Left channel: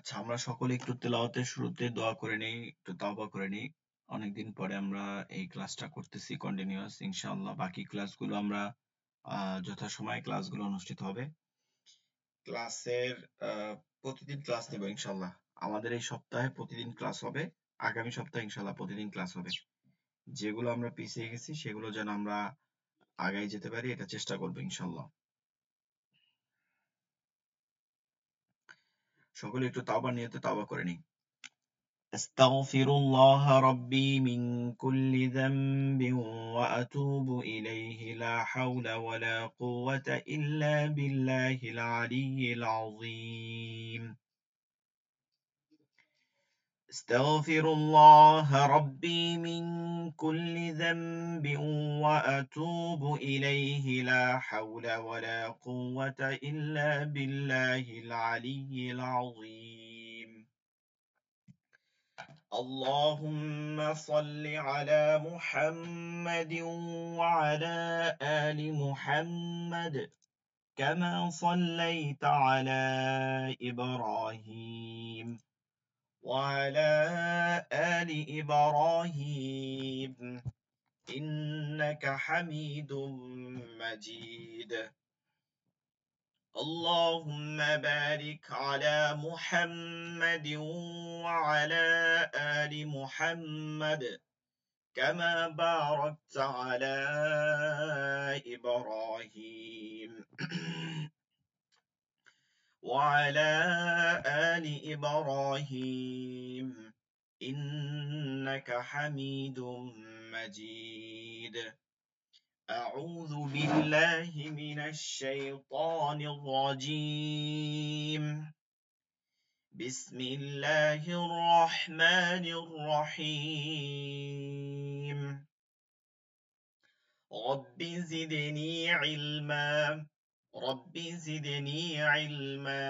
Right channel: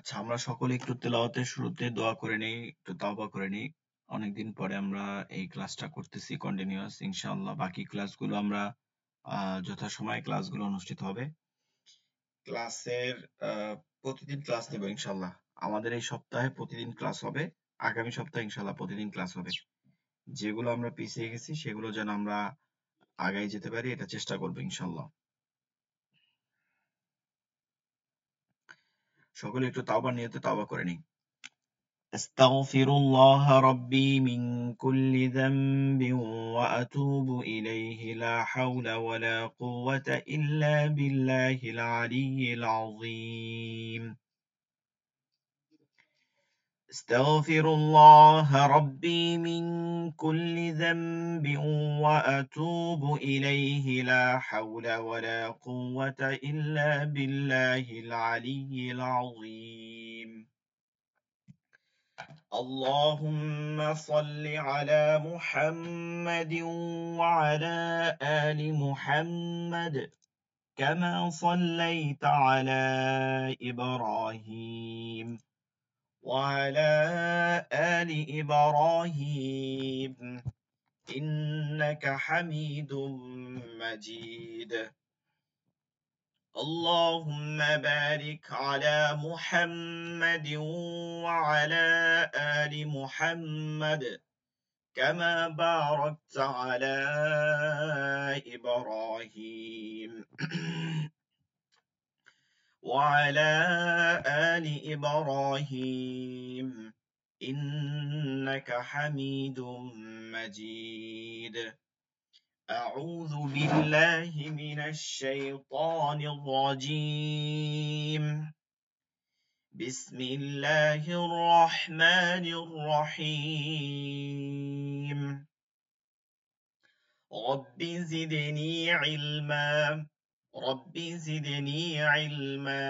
আচ্ছা, আমরা সকলে একটু তেলাওয়াতের শুরুতে দোয়া করে নেই, একটু তাওবা করে নেই। অনেকদিন পরে আমরা এই ক্লাসটা করতেছি কন্টিনিউয়াস। ইনশাআল্লাহ বাকি ক্লাসগুলো আমরা যথাসময়ে ক্লাসগুলো অনুষ্ঠিত হবে। ক্লাসের প্রতিদিন ক্লাস নেব ইনশাআল্লাহ। আমাদের এই সপ্তাহে প্রতিদিন ক্লাস হবে। আগামী সপ্তাহে ইনশাআল্লাহ প্রতিদিন ক্লাস হবে। যেগুলো আমরা পিছিয়ে গেছি সেগুলো যেন আমরা আগায় যেতে পারি, এটা চেষ্টা করবো ইনশাআল্লাহ। সকলে একটু তাওবার নিয়তে তাওবা করে নিই। أستغفر الله ربي من كل ذنب وأتوب إليه لا حول ولا قوة إلا بالله العلي العظيم. أستغفر الله ربي من كل ذنب وأتوب إليه لا حول ولا قوة إلا بالله العلي العظيم. اللهم صل على محمد وعلى آل محمد كما صليت على إبراهيم وعلى آل إبراهيم إنك حميد مجيد. اللهم بارك على محمد وعلى آل محمد كما باركت على إبراهيم وعلى آل إبراهيم إنك حميد مجيد. أعوذ بالله من الشيطان الرجيم. بسم الله الرحمن الرحيم. رب زدني علما رب زدني علما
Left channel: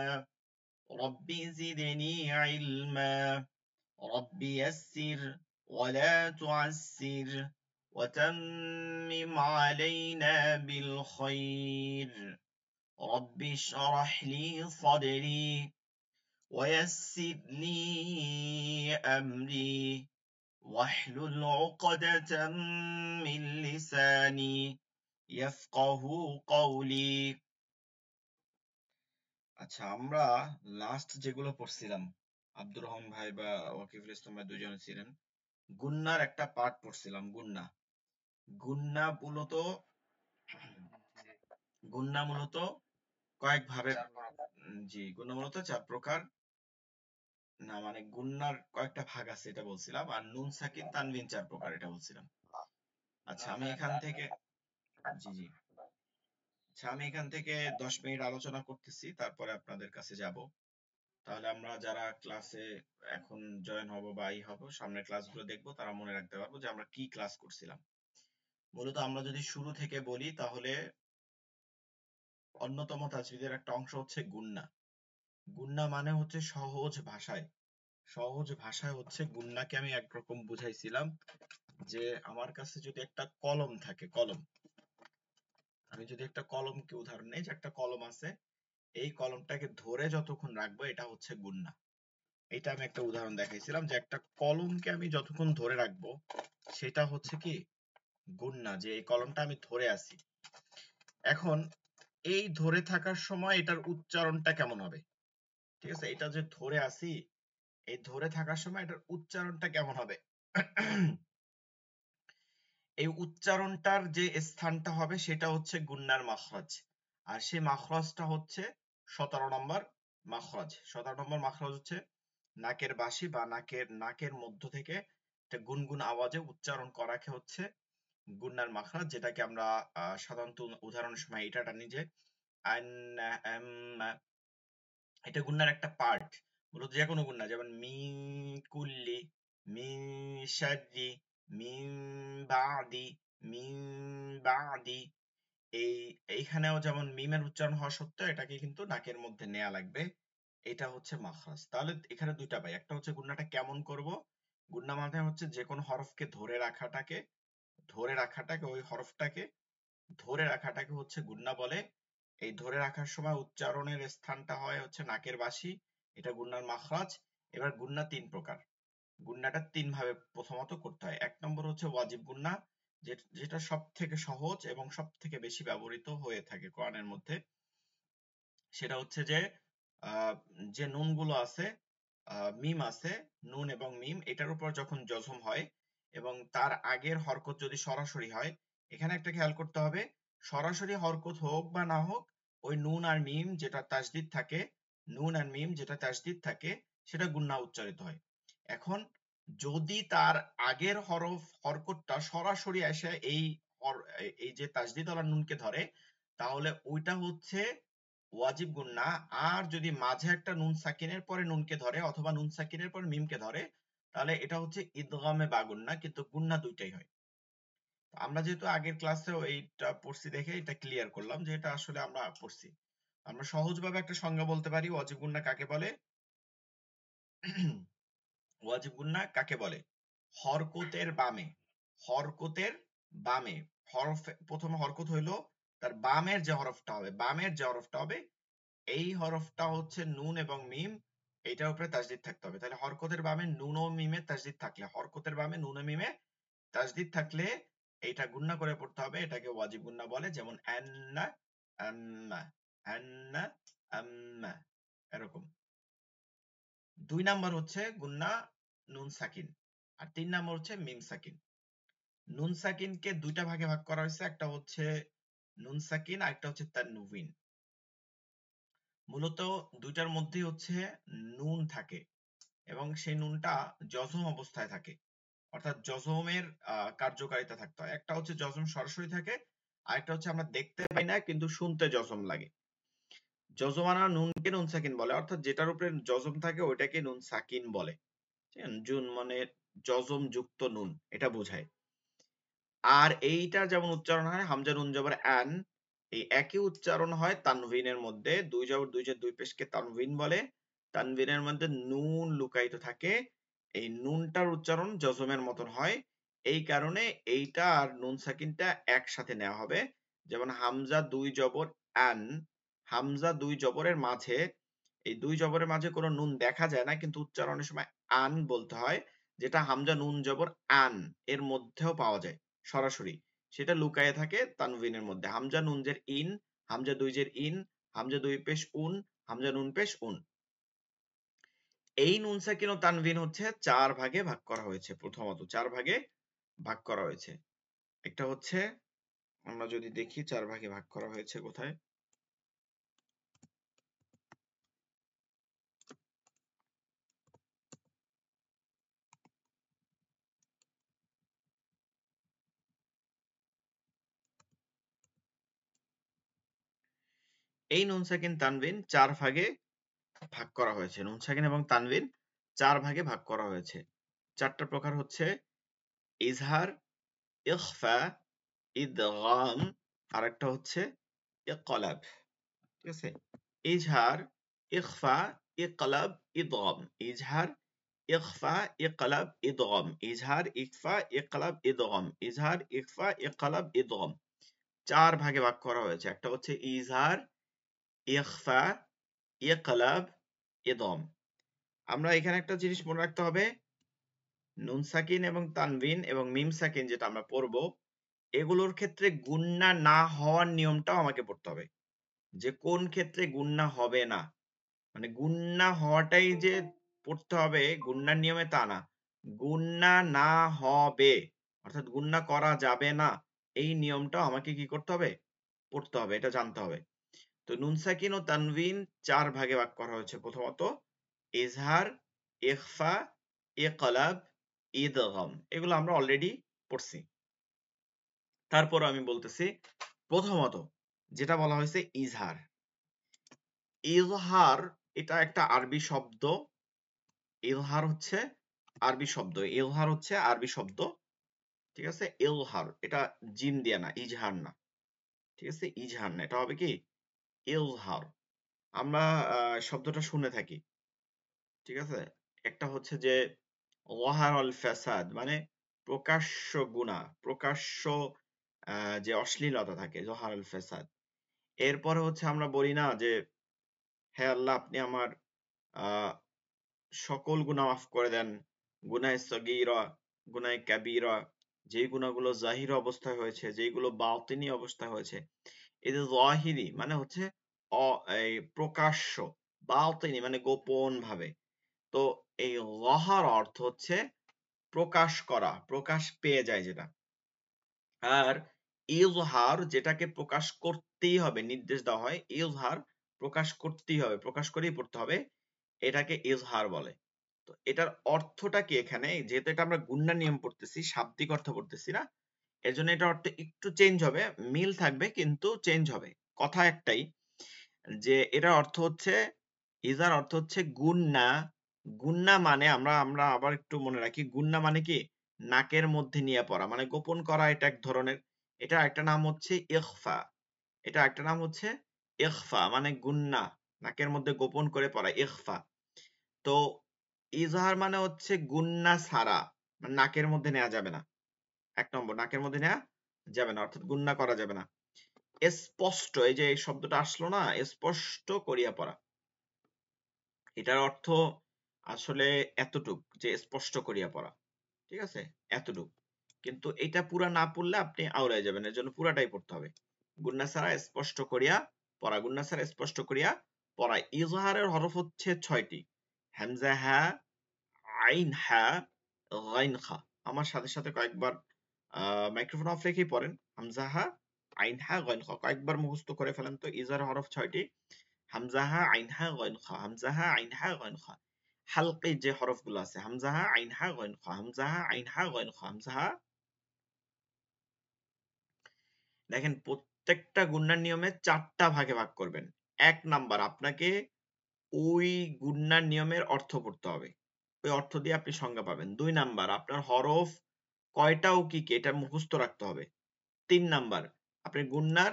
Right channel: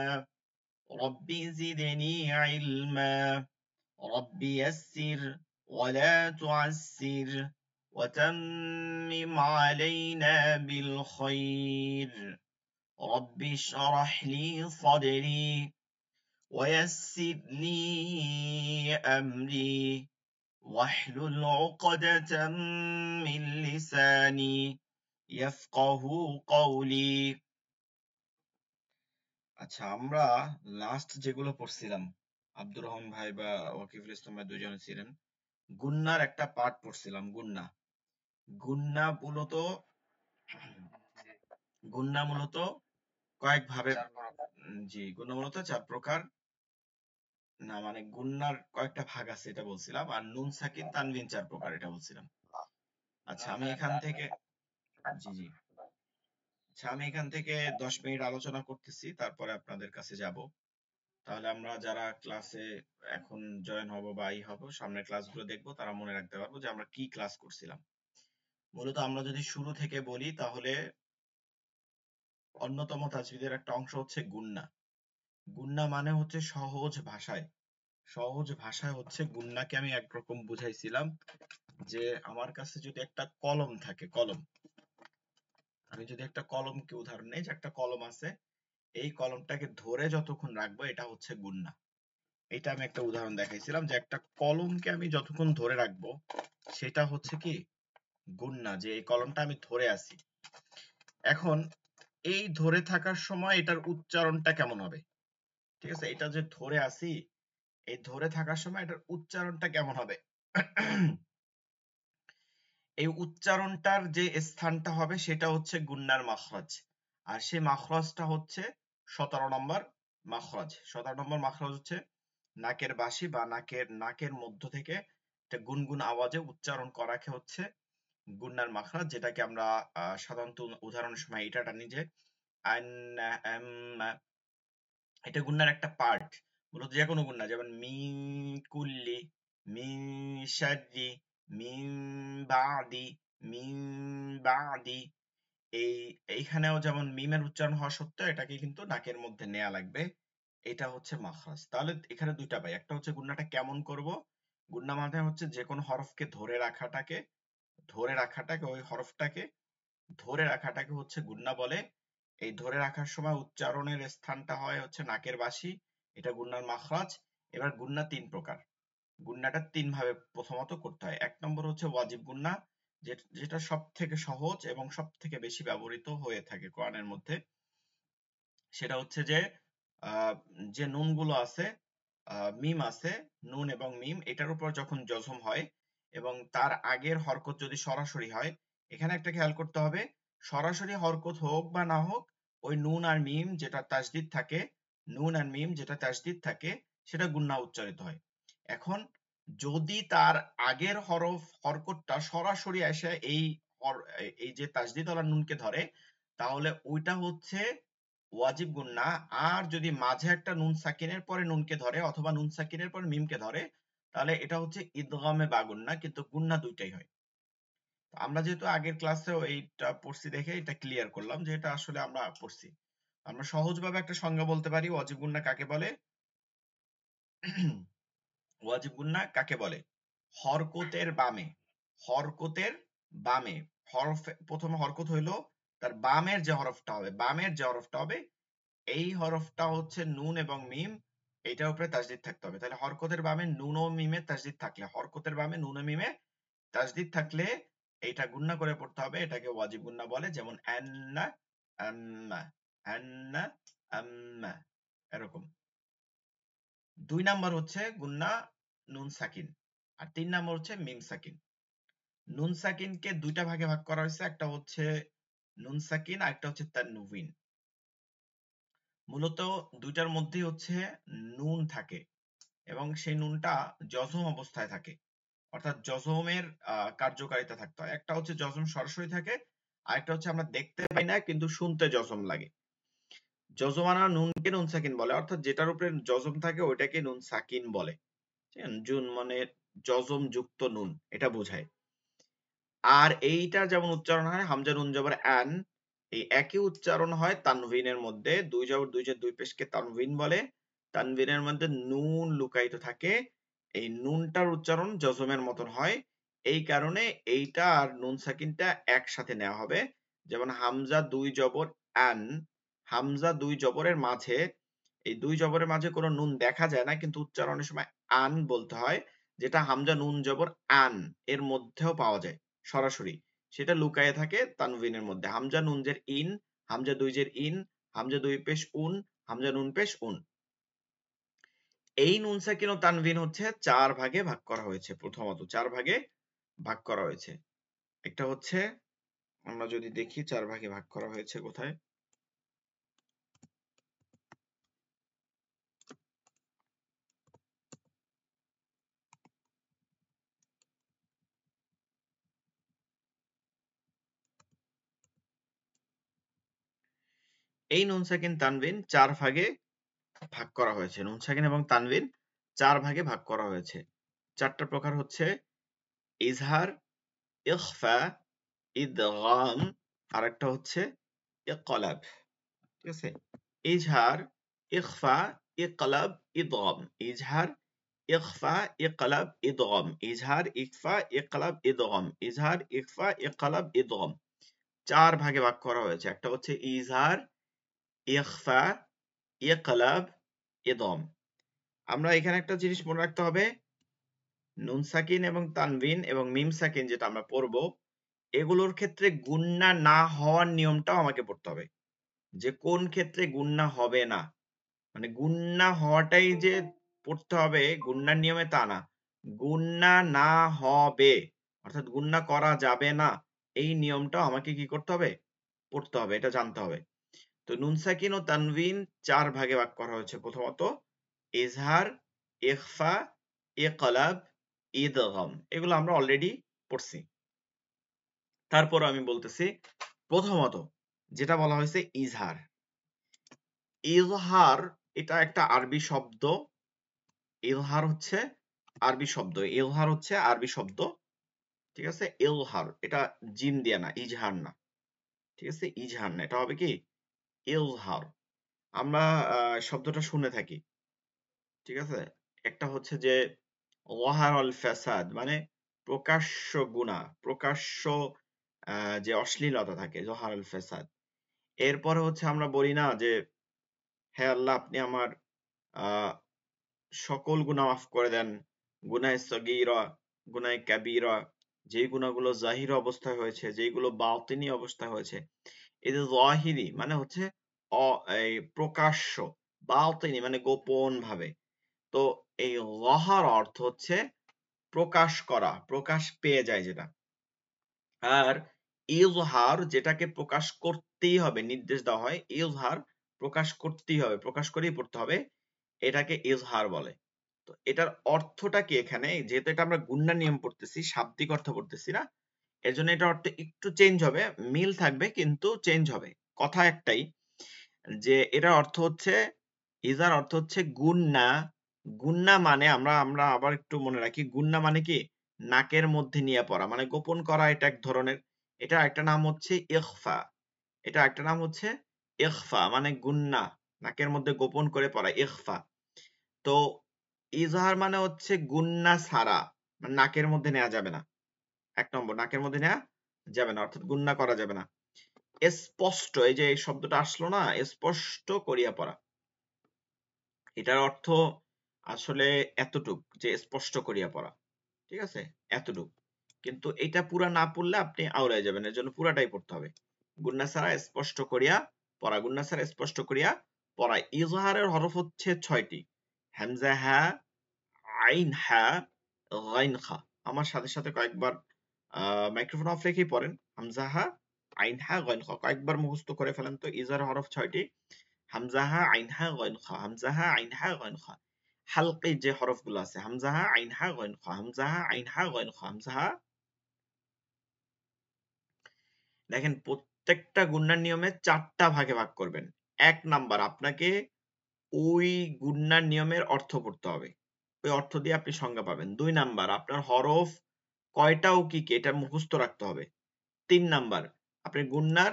رب زدني علما رب يسر ولا تعسر وتمم علينا بالخير. رب اشرح لي صدري ويسر لي أمري واحلل عقدة من لساني يفقه قولي. আচ্ছা, আমরা লাস্ট যেগুলো পড়ছিলাম, আব্দুর রহমান ভাই বা ওয়াকিফুল ইসলাম ভাই দুজনে ছিলেন, গুন্নার একটা পার্ট পড়ছিলাম। গুন্না মূলত গুন্না মূলত কয়েক ভাবে, জি, গুন্না মূলত 4 প্রকার। না মানে গুন্নার কয়েকটা ভাগ আছে এটা বলছিলাম, আর নুন সাকিন তানবিন 4 প্রকার এটা বলছিলাম। আচ্ছা, আমি এখান থেকে, জি জি, আচ্ছা আমি এখান থেকে 10 মিনিট আলোচনা করতেছি, তারপরে আপনাদের কাছে যাব। তাহলে আমরা যারা ক্লাসে এখন জয়েন হব বা হব, সামনের ক্লাসগুলো দেখবো, তারা মনে রাখতে পারবো যে আমরা কি ক্লাস করছিলাম। মূলত আমরা যদি শুরু থেকে বলি তাহলে অন্যতম তাজবিদের একটা অংশ হচ্ছে গুন্না। গুন্না মানে হচ্ছে সহজ ভাষায় হচ্ছে গুন্নাকে আমি একরকম বুঝাইছিলাম যে আমার কাছে যদি একটা কলম থাকে, আমি যদি একটা কলমকে উদাহরণ নেই, যে একটা কলম আছে, এই কলমটাকে ধরে যতক্ষণ রাখবো এটা হচ্ছে গুন্না। এটা আমি একটা উদাহরণ দেখাইছিলাম যে একটা কলমকে আমি যতক্ষণ ধরে রাখবো সেটা হচ্ছে কি গুন্না, যে এই কলমটা আমি ধরে আছি। এখন এই ধরে থাকার সময় এটার উচ্চারণটা কেমন হবে? ঠিক আছে, এটা যে ধরে আছি, এই ধরে থাকার সময় এটার উচ্চারণটা কেমন হবে? এই উচ্চারণটার যে স্থানটা হবে সেটা হচ্ছে গুন্নার মাখরাজ। আর সেই মাখরাজটা হচ্ছে 17 নম্বর মাখরাজ। 17 নম্বর মাখরাজ হচ্ছে নাকের বাসি বা নাকের মধ্য থেকে একটা গুনগুন আওয়াজে উচ্চারণ করাকে হচ্ছে গুন্নার মাখরাজ, যেটাকে আমরা সাধারণত উদাহরণের সময় এটা টানি যে আন, আম, এটা গুন্নার একটা পার্ট। মূলত যে কোনো গুন্না, যেমন মিন কুল্লি, মিন শাররি, মিন বাদি, মিন বাদি, এইখানেও যেমন মিমের উচ্চারণ হওয়া সত্ত্বেও এটাকে কিন্তু নাকের মধ্যে নেয়া লাগবে। এটা হচ্ছে মাখরাজ। তাহলে এখানে দুইটা পাই, একটা হচ্ছে গুন্নাটা কেমন করব। গুন্না মানে হচ্ছে যে কোনো হরফকে ওই হরফটাকে ধরে রাখাটাকে হচ্ছে গুন্না বলে। এই ধরে রাখার সময় উচ্চারণের স্থানটা হয় হচ্ছে নাকের বাসি। এটা গুন্নার মাখরাজ। এবার গুন্না 3 প্রকার। গুন্নাটা 3 ভাবে প্রথমত করতে হয়। 1 নম্বর হচ্ছে ওয়াজিব গুন্না, যেটা সবথেকে সহজ এবং সবথেকে বেশি ব্যবহৃত হয়ে থাকে কোরআনের মধ্যে। সেটা হচ্ছে যে যে নুনগুলো আছে, মিম আছে, নুন এবং মিম, এটার উপর যখন জজম হয় এবং তার আগের হরকত যদি সরাসরি হয়, এখানে একটা খেয়াল করতে হবে, সরাসরি হরকত হোক বা না হোক, ওই নুন আর মিম যেটা তাসদিদ থাকে, নুন আর মিম যেটা তাসদিদ থাকে, সেটা গুন্না উচ্চারিত হয়। এখন যদি তার আগের হরকতটা সরাসরি এসে এই যে তাসদিদ ওয়ালা নুনকে ধরে, তাহলে ওইটা হচ্ছে ওয়াজিব গুন্না। আর যদি মাঝে একটা নুন সাকিনের পরে নুনকে ধরে অথবা নুন সাকিনের পরে মিমকে ধরে, তাহলে এটা হচ্ছে ইদগামে বা গুন্না, কিন্তু গুন্না দুইটাই হয়। আমরা যেহেতু আগের ক্লাসেও এইটা পড়ছি দেখে এটা ক্লিয়ার করলাম যে এটা আসলে আমরা পড়ছি। আমরা সহজভাবে একটা সংজ্ঞা বলতে পারি ওয়াজিব গুন্না কাকে বলে। ওয়াজিব গুন্না কাকে বলে? হরকতের বামে, হরকতের বামে, প্রথমে হরকত হইলো, তার বামের যে হরফটা হবে, বামের যে হরফটা হবে, এই হরফটা হচ্ছে নুন এবং মিম, এইটার উপরে তাসদিদ থাকতে হবে। তাহলে হরকতের বামে নুন ও মিমে তাসদিদ থাকলে, হরকতের বামে নুন ও মিমে তাসদিদ থাকলে এইটা গুন্না করে পড়তে হবে। এটাকে ওয়াজিব গুন্না বলে। যেমন আন্না, আম্মা, আন্না, আম্মা, এরকম। 2 নাম্বার হচ্ছে গুন্না নুন সাকিন, আর 3 নাম্বার হচ্ছে মিম সাকিন। নুন সাকিনকে দুইটা ভাগে ভাগ করা হয়েছে, একটা হচ্ছে নুন সাকিন আর একটা হচ্ছে তানউইন। মূলত দুইটার মধ্যেই হচ্ছে নুন থাকে এবং সেই নুনটা জজম অবস্থায় থাকে, অর্থাৎ জজমের কার্যকারিতা থাকতে হয়। একটা হচ্ছে জজম সরাসরি থাকে, আর একটা হচ্ছে আমরা দেখতে পাই না কিন্তু শুনতে জজম লাগে। জজমানা নুনকে নুন সাকিন বলে, অর্থাৎ যেটার উপরে জজম থাকে ওইটাকে নুন সাকিন বলে। জুন মানে জজম যুক্ত নুন, এটা বোঝায়। আর এইটা যেমন উচ্চারণ হয় হামজা নুন জবর আন, এই একই উচ্চারণ হয় তানভিনের মধ্যে। দুই জবর দুই যে দুই পেশকে তানভিন বলে। তানভিনের মধ্যে নুন লুকায়িত থাকে, এই নুনটার উচ্চারণ জজমের মতন হয়। এই কারণে এইটা আর নুন সাকিনটা একসাথে নেওয়া হবে। যেমন হামজা দুই জবর আন, হামজা দুই জবরের মাঝে, এই দুই জবরের মাঝে কোনো নুন দেখা যায় না কিন্তু উচ্চারণের সময় আন বলতে হয়, যেটা হামজা নুন জবর আন এর মধ্যেও পাওয়া যায় সরাসরি। সেটা লুকায়ে থাকে তানভিনের মধ্যে। হামজা নুন জের ইন, হামজা দুই জের ইন, হামজা দুই পেশ উন, হামজা নুন পেশ উন। এই নুন সাকিন ও তানভিন হচ্ছে 4 ভাগে ভাগ করা হয়েছে। প্রথমত 4 ভাগে ভাগ করা হয়েছে। একটা হচ্ছে, আমরা যদি দেখি 4 ভাগে ভাগ করা হয়েছে কোথায়। এই নুন সাকিন তানভিন 4 ভাগে ভাগ করা হয়েছে। নুন সাকিন এবং তানভিন 4 ভাগে ভাগ করা হয়েছে। 4টা প্রকার হচ্ছে ইজহার, ইখফা, ইদগাম, আর একটা হচ্ছে ইকলাব। ঠিক আছে? ইজহার, ইখফা, ইকলাব, ইদগাম। ইজহার, ইখফা, ইকলাব, ইদগাম। ইজহার, ইখফা, ইকলাব, ইদগাম। ইজহার, ইখফা, ইকলাব, ইদগাম। 4 ভাগে ভাগ করা হয়েছে। একটা হচ্ছে ইজহার, ইখফা, ইকলাব, ইদগাম। আমরা এখানে একটা জিনিস মনে রাখতে হবে, নুন সাকিন এবং তানভিন এবং মিম সাকিন যেটা আমরা পড়বো, এগুলোর ক্ষেত্রে গুন্না না হওয়ার নিয়মটাও আমাকে পড়তে হবে, যে কোন ক্ষেত্রে গুন্না হবে না। মানে গুন্না হওয়াটাই যে পড়তে হবে গুন্নার নিয়মে তা না, গুন্না না হবে অর্থাৎ গুন্না করা যাবে না, এই নিয়মটাও আমাকে কি করতে হবে? পড়তে হবে, এটা জানতে হবে। তো নুন সাকিন ও তানভিন 4 ভাগে ভাগ করা হয়েছে। প্রথমত ইজহার, ইখফা, ইকলাব, ইদগাম। এগুলো আমরা অলরেডি পড়ছি। তারপর আমি বলতেছি, প্রথমত যেটা বলা হয়েছে ইজহার। ইজহার এটা একটা আরবি শব্দ। ইজহার হচ্ছে আরবি শব্দ। ইজহার হচ্ছে আরবি শব্দ। ঠিক আছে? ইজহার এটা জিম দিয়া না, ইজহার না। ঠিক আছে? ইজহার না, এটা হবে কি ইজহার। আমরা শব্দটা শুনে থাকি। ঠিক আছে? একটা হচ্ছে যে ওয়াহারল ফাসাদ, মানে প্রকাশ্য গুনাহ, প্রকাশ্য যে অশ্লীলতা থাকে, জহারুল ফাসাদ। এরপরে হচ্ছে আমরা বলি না যে হে আল্লাহ আপনি আমার আহ সকল গুনাহ মাফ করে দেন, গুনাহে সগীরা, গুনাহে কাবীরা, যেই গুনাহগুলো জাহির অবস্থায় হয়েছে, যেইগুলো বাতিনি অবস্থায় হয়েছে। এই যে যাহিরি মানে হচ্ছে এই প্রকাশ্য, বাতিনি মানে গোপন ভাবে। তো এই যাহার অর্থ হচ্ছে প্রকাশ করা, প্রকাশ পেয়ে যায় যেটা। আর ইজহার যেটাকে প্রকাশ করতেই হবে, নির্দেশ দেওয়া হয়, ইজহার প্রকাশ করতেই হবে, প্রকাশ করেই পড়তে হবে, এটাকে ইজহার বলে। তো এটার অর্থটা কি এখানে, যেহেতু এটা আমরা গুণনা নিয়ম পড়তেছি, শাব্দিক অর্থ পড়তেছি না, এর জন্য এটার অর্থ একটু চেঞ্জ হবে, মিল থাকবে কিন্তু চেঞ্জ হবে। কথা একটাই, যে এটার অর্থ হচ্ছে, ইজার অর্থ হচ্ছে গুণনা। গুণনা মানে আমরা আমরা আবার একটু মনে রাখি, গুণনা মানে কি নাকের মধ্যে নিয়ে পড়া, মানে গোপন করা, এটা এক ধরনের। এটা একটা নাম হচ্ছে ইখফা, এটা একটা নাম হচ্ছে ইখফা, মানে গুণনা, নাকের মধ্যে গোপন করে পড়া, ইখফা। তো ইজহার মানে হচ্ছে গুণনা ছাড়া, মানে নাকের মধ্যে নেওয়া যাবে না। এক নম্বর, নাকের মধ্যে নেওয়া যাবে না, অর্থাৎ গুণনা করা যাবে না। স্পষ্ট, এই যে এই শব্দটা আসলো না, স্পষ্ট করিয়া পড়া, এটার অর্থ আসলে এতটুক, যে স্পষ্ট করিয়া পড়া, ঠিক আছে, এতটুক। কিন্তু এটা পুরা না পড়লে আপনি আওড়ায় যাবেন, এর জন্য পুরাটাই পড়তে হবে। গুন্না ছাড়া স্পষ্ট করিয়া পড়া, গুন্না ছাড়া স্পষ্ট করিয়া পড়া। ইজহারের হরফ হচ্ছে 6টি, হামজা, হা, আইন, হা, গাইন, খা। আমার সাথে সাথে কয়েকবার মাইক্রোফোন অফ রেখেই পড়েন। হামজা, হা, আইন, হা, গাইন, খা, কয়েকবার মুখস্থ করে ফেলেন তো। ইজহারের হরফ 6টি, হামজা, হা, আইন, হা, গাইন, খা, হামজা, হা, আইন, হা, গাইন, খা। হালকি যে হরফগুলো আছে, হামজা, হা, আইন, হা, গাইন, খা, হামজা, হা, আইন, হা, গাইন, খা, হামজা, হা। দেখেন প্রত্যেকটা গুণনার নিয়মে 4টা ভাগে ভাগ করবেন। 1 নাম্বার, আপনাকে ওই গুণনার নিয়মের অর্থ পড়তে হবে, ওই অর্থ দিয়ে আপনি সংজ্ঞা পাবেন। 2 নাম্বার, আপনার হরফ কয়টা ও কি কি এটা মুখস্থ রাখতে হবে। 3 নাম্বার, আপনি গুণনার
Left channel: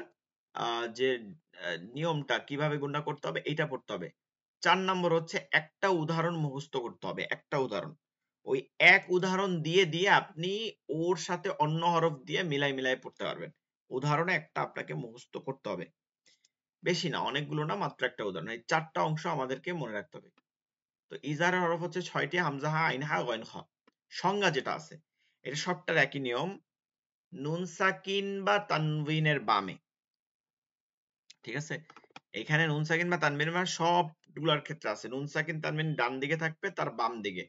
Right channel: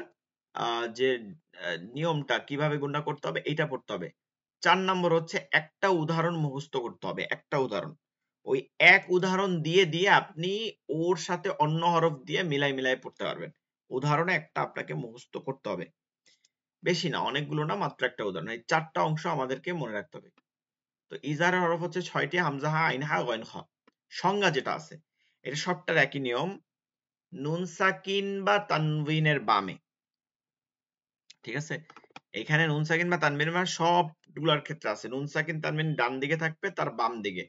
যে নিয়মটা কিভাবে গুণনা করতে হবে এটা পড়তে হবে। 4 নম্বর হচ্ছে একটা উদাহরণ মুখস্থ করতে হবে, একটা উদাহরণ। ওই এক উদাহরণ দিয়ে দিয়ে আপনি ওর সাথে অন্য হরফ দিয়ে মিলাই মিলাই পড়তে পারবেন। উদাহরণে একটা আপনাকে মুখস্থ করতে হবে, বেশি না, অনেকগুলো না, মাত্র একটা উদাহরণ। এই 4টা অংশ আমাদেরকে মনে রাখতে হবে। তো ইজারের হরফ হচ্ছে 6টি, হামজা, হা, আইন, হা, গইন, খ। সংজ্ঞা যেটা আছে এটা সবটার একই নিয়ম, নুন সাকিন বা তানবিনের বামে, ঠিক আছে। এখানে নুন সাকিন বা তানবিনের বামে সবগুলোর ক্ষেত্রে আছে। নুন সাকিন তানবিন ডান দিকে থাকবে, তার বাম দিকে।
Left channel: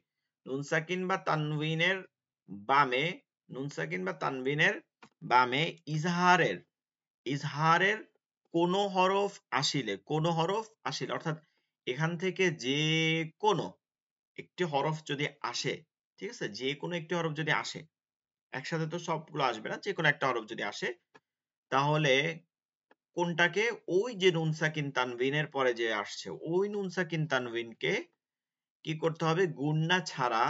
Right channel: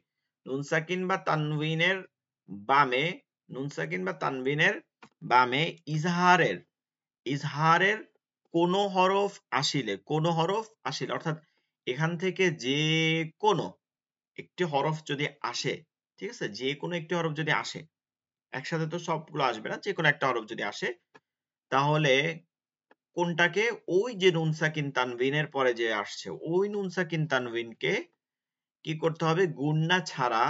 নুন সাকিন বা তানবিনের বামে, নুন সাকিন বা তানবিনের বামে ইজহারের, ইজহারের কোন হরফ আসিলে, কোন হরফ আসিলে, অর্থাৎ এখান থেকে যে কোনো একটি হরফ যদি আসে, ঠিক আছে, যে কোনো একটি হরফ যদি আসে, একসাথে তো সবগুলো আসবে না, যে কোনো একটা হরফ যদি আসে, তাহলে কোনটাকে, ওই যে নুন সাকিন তানবিনের পরে যে আসছে ওই নুন সাকিন তানবিনকে কি করতে হবে, গুণনা ছাড়া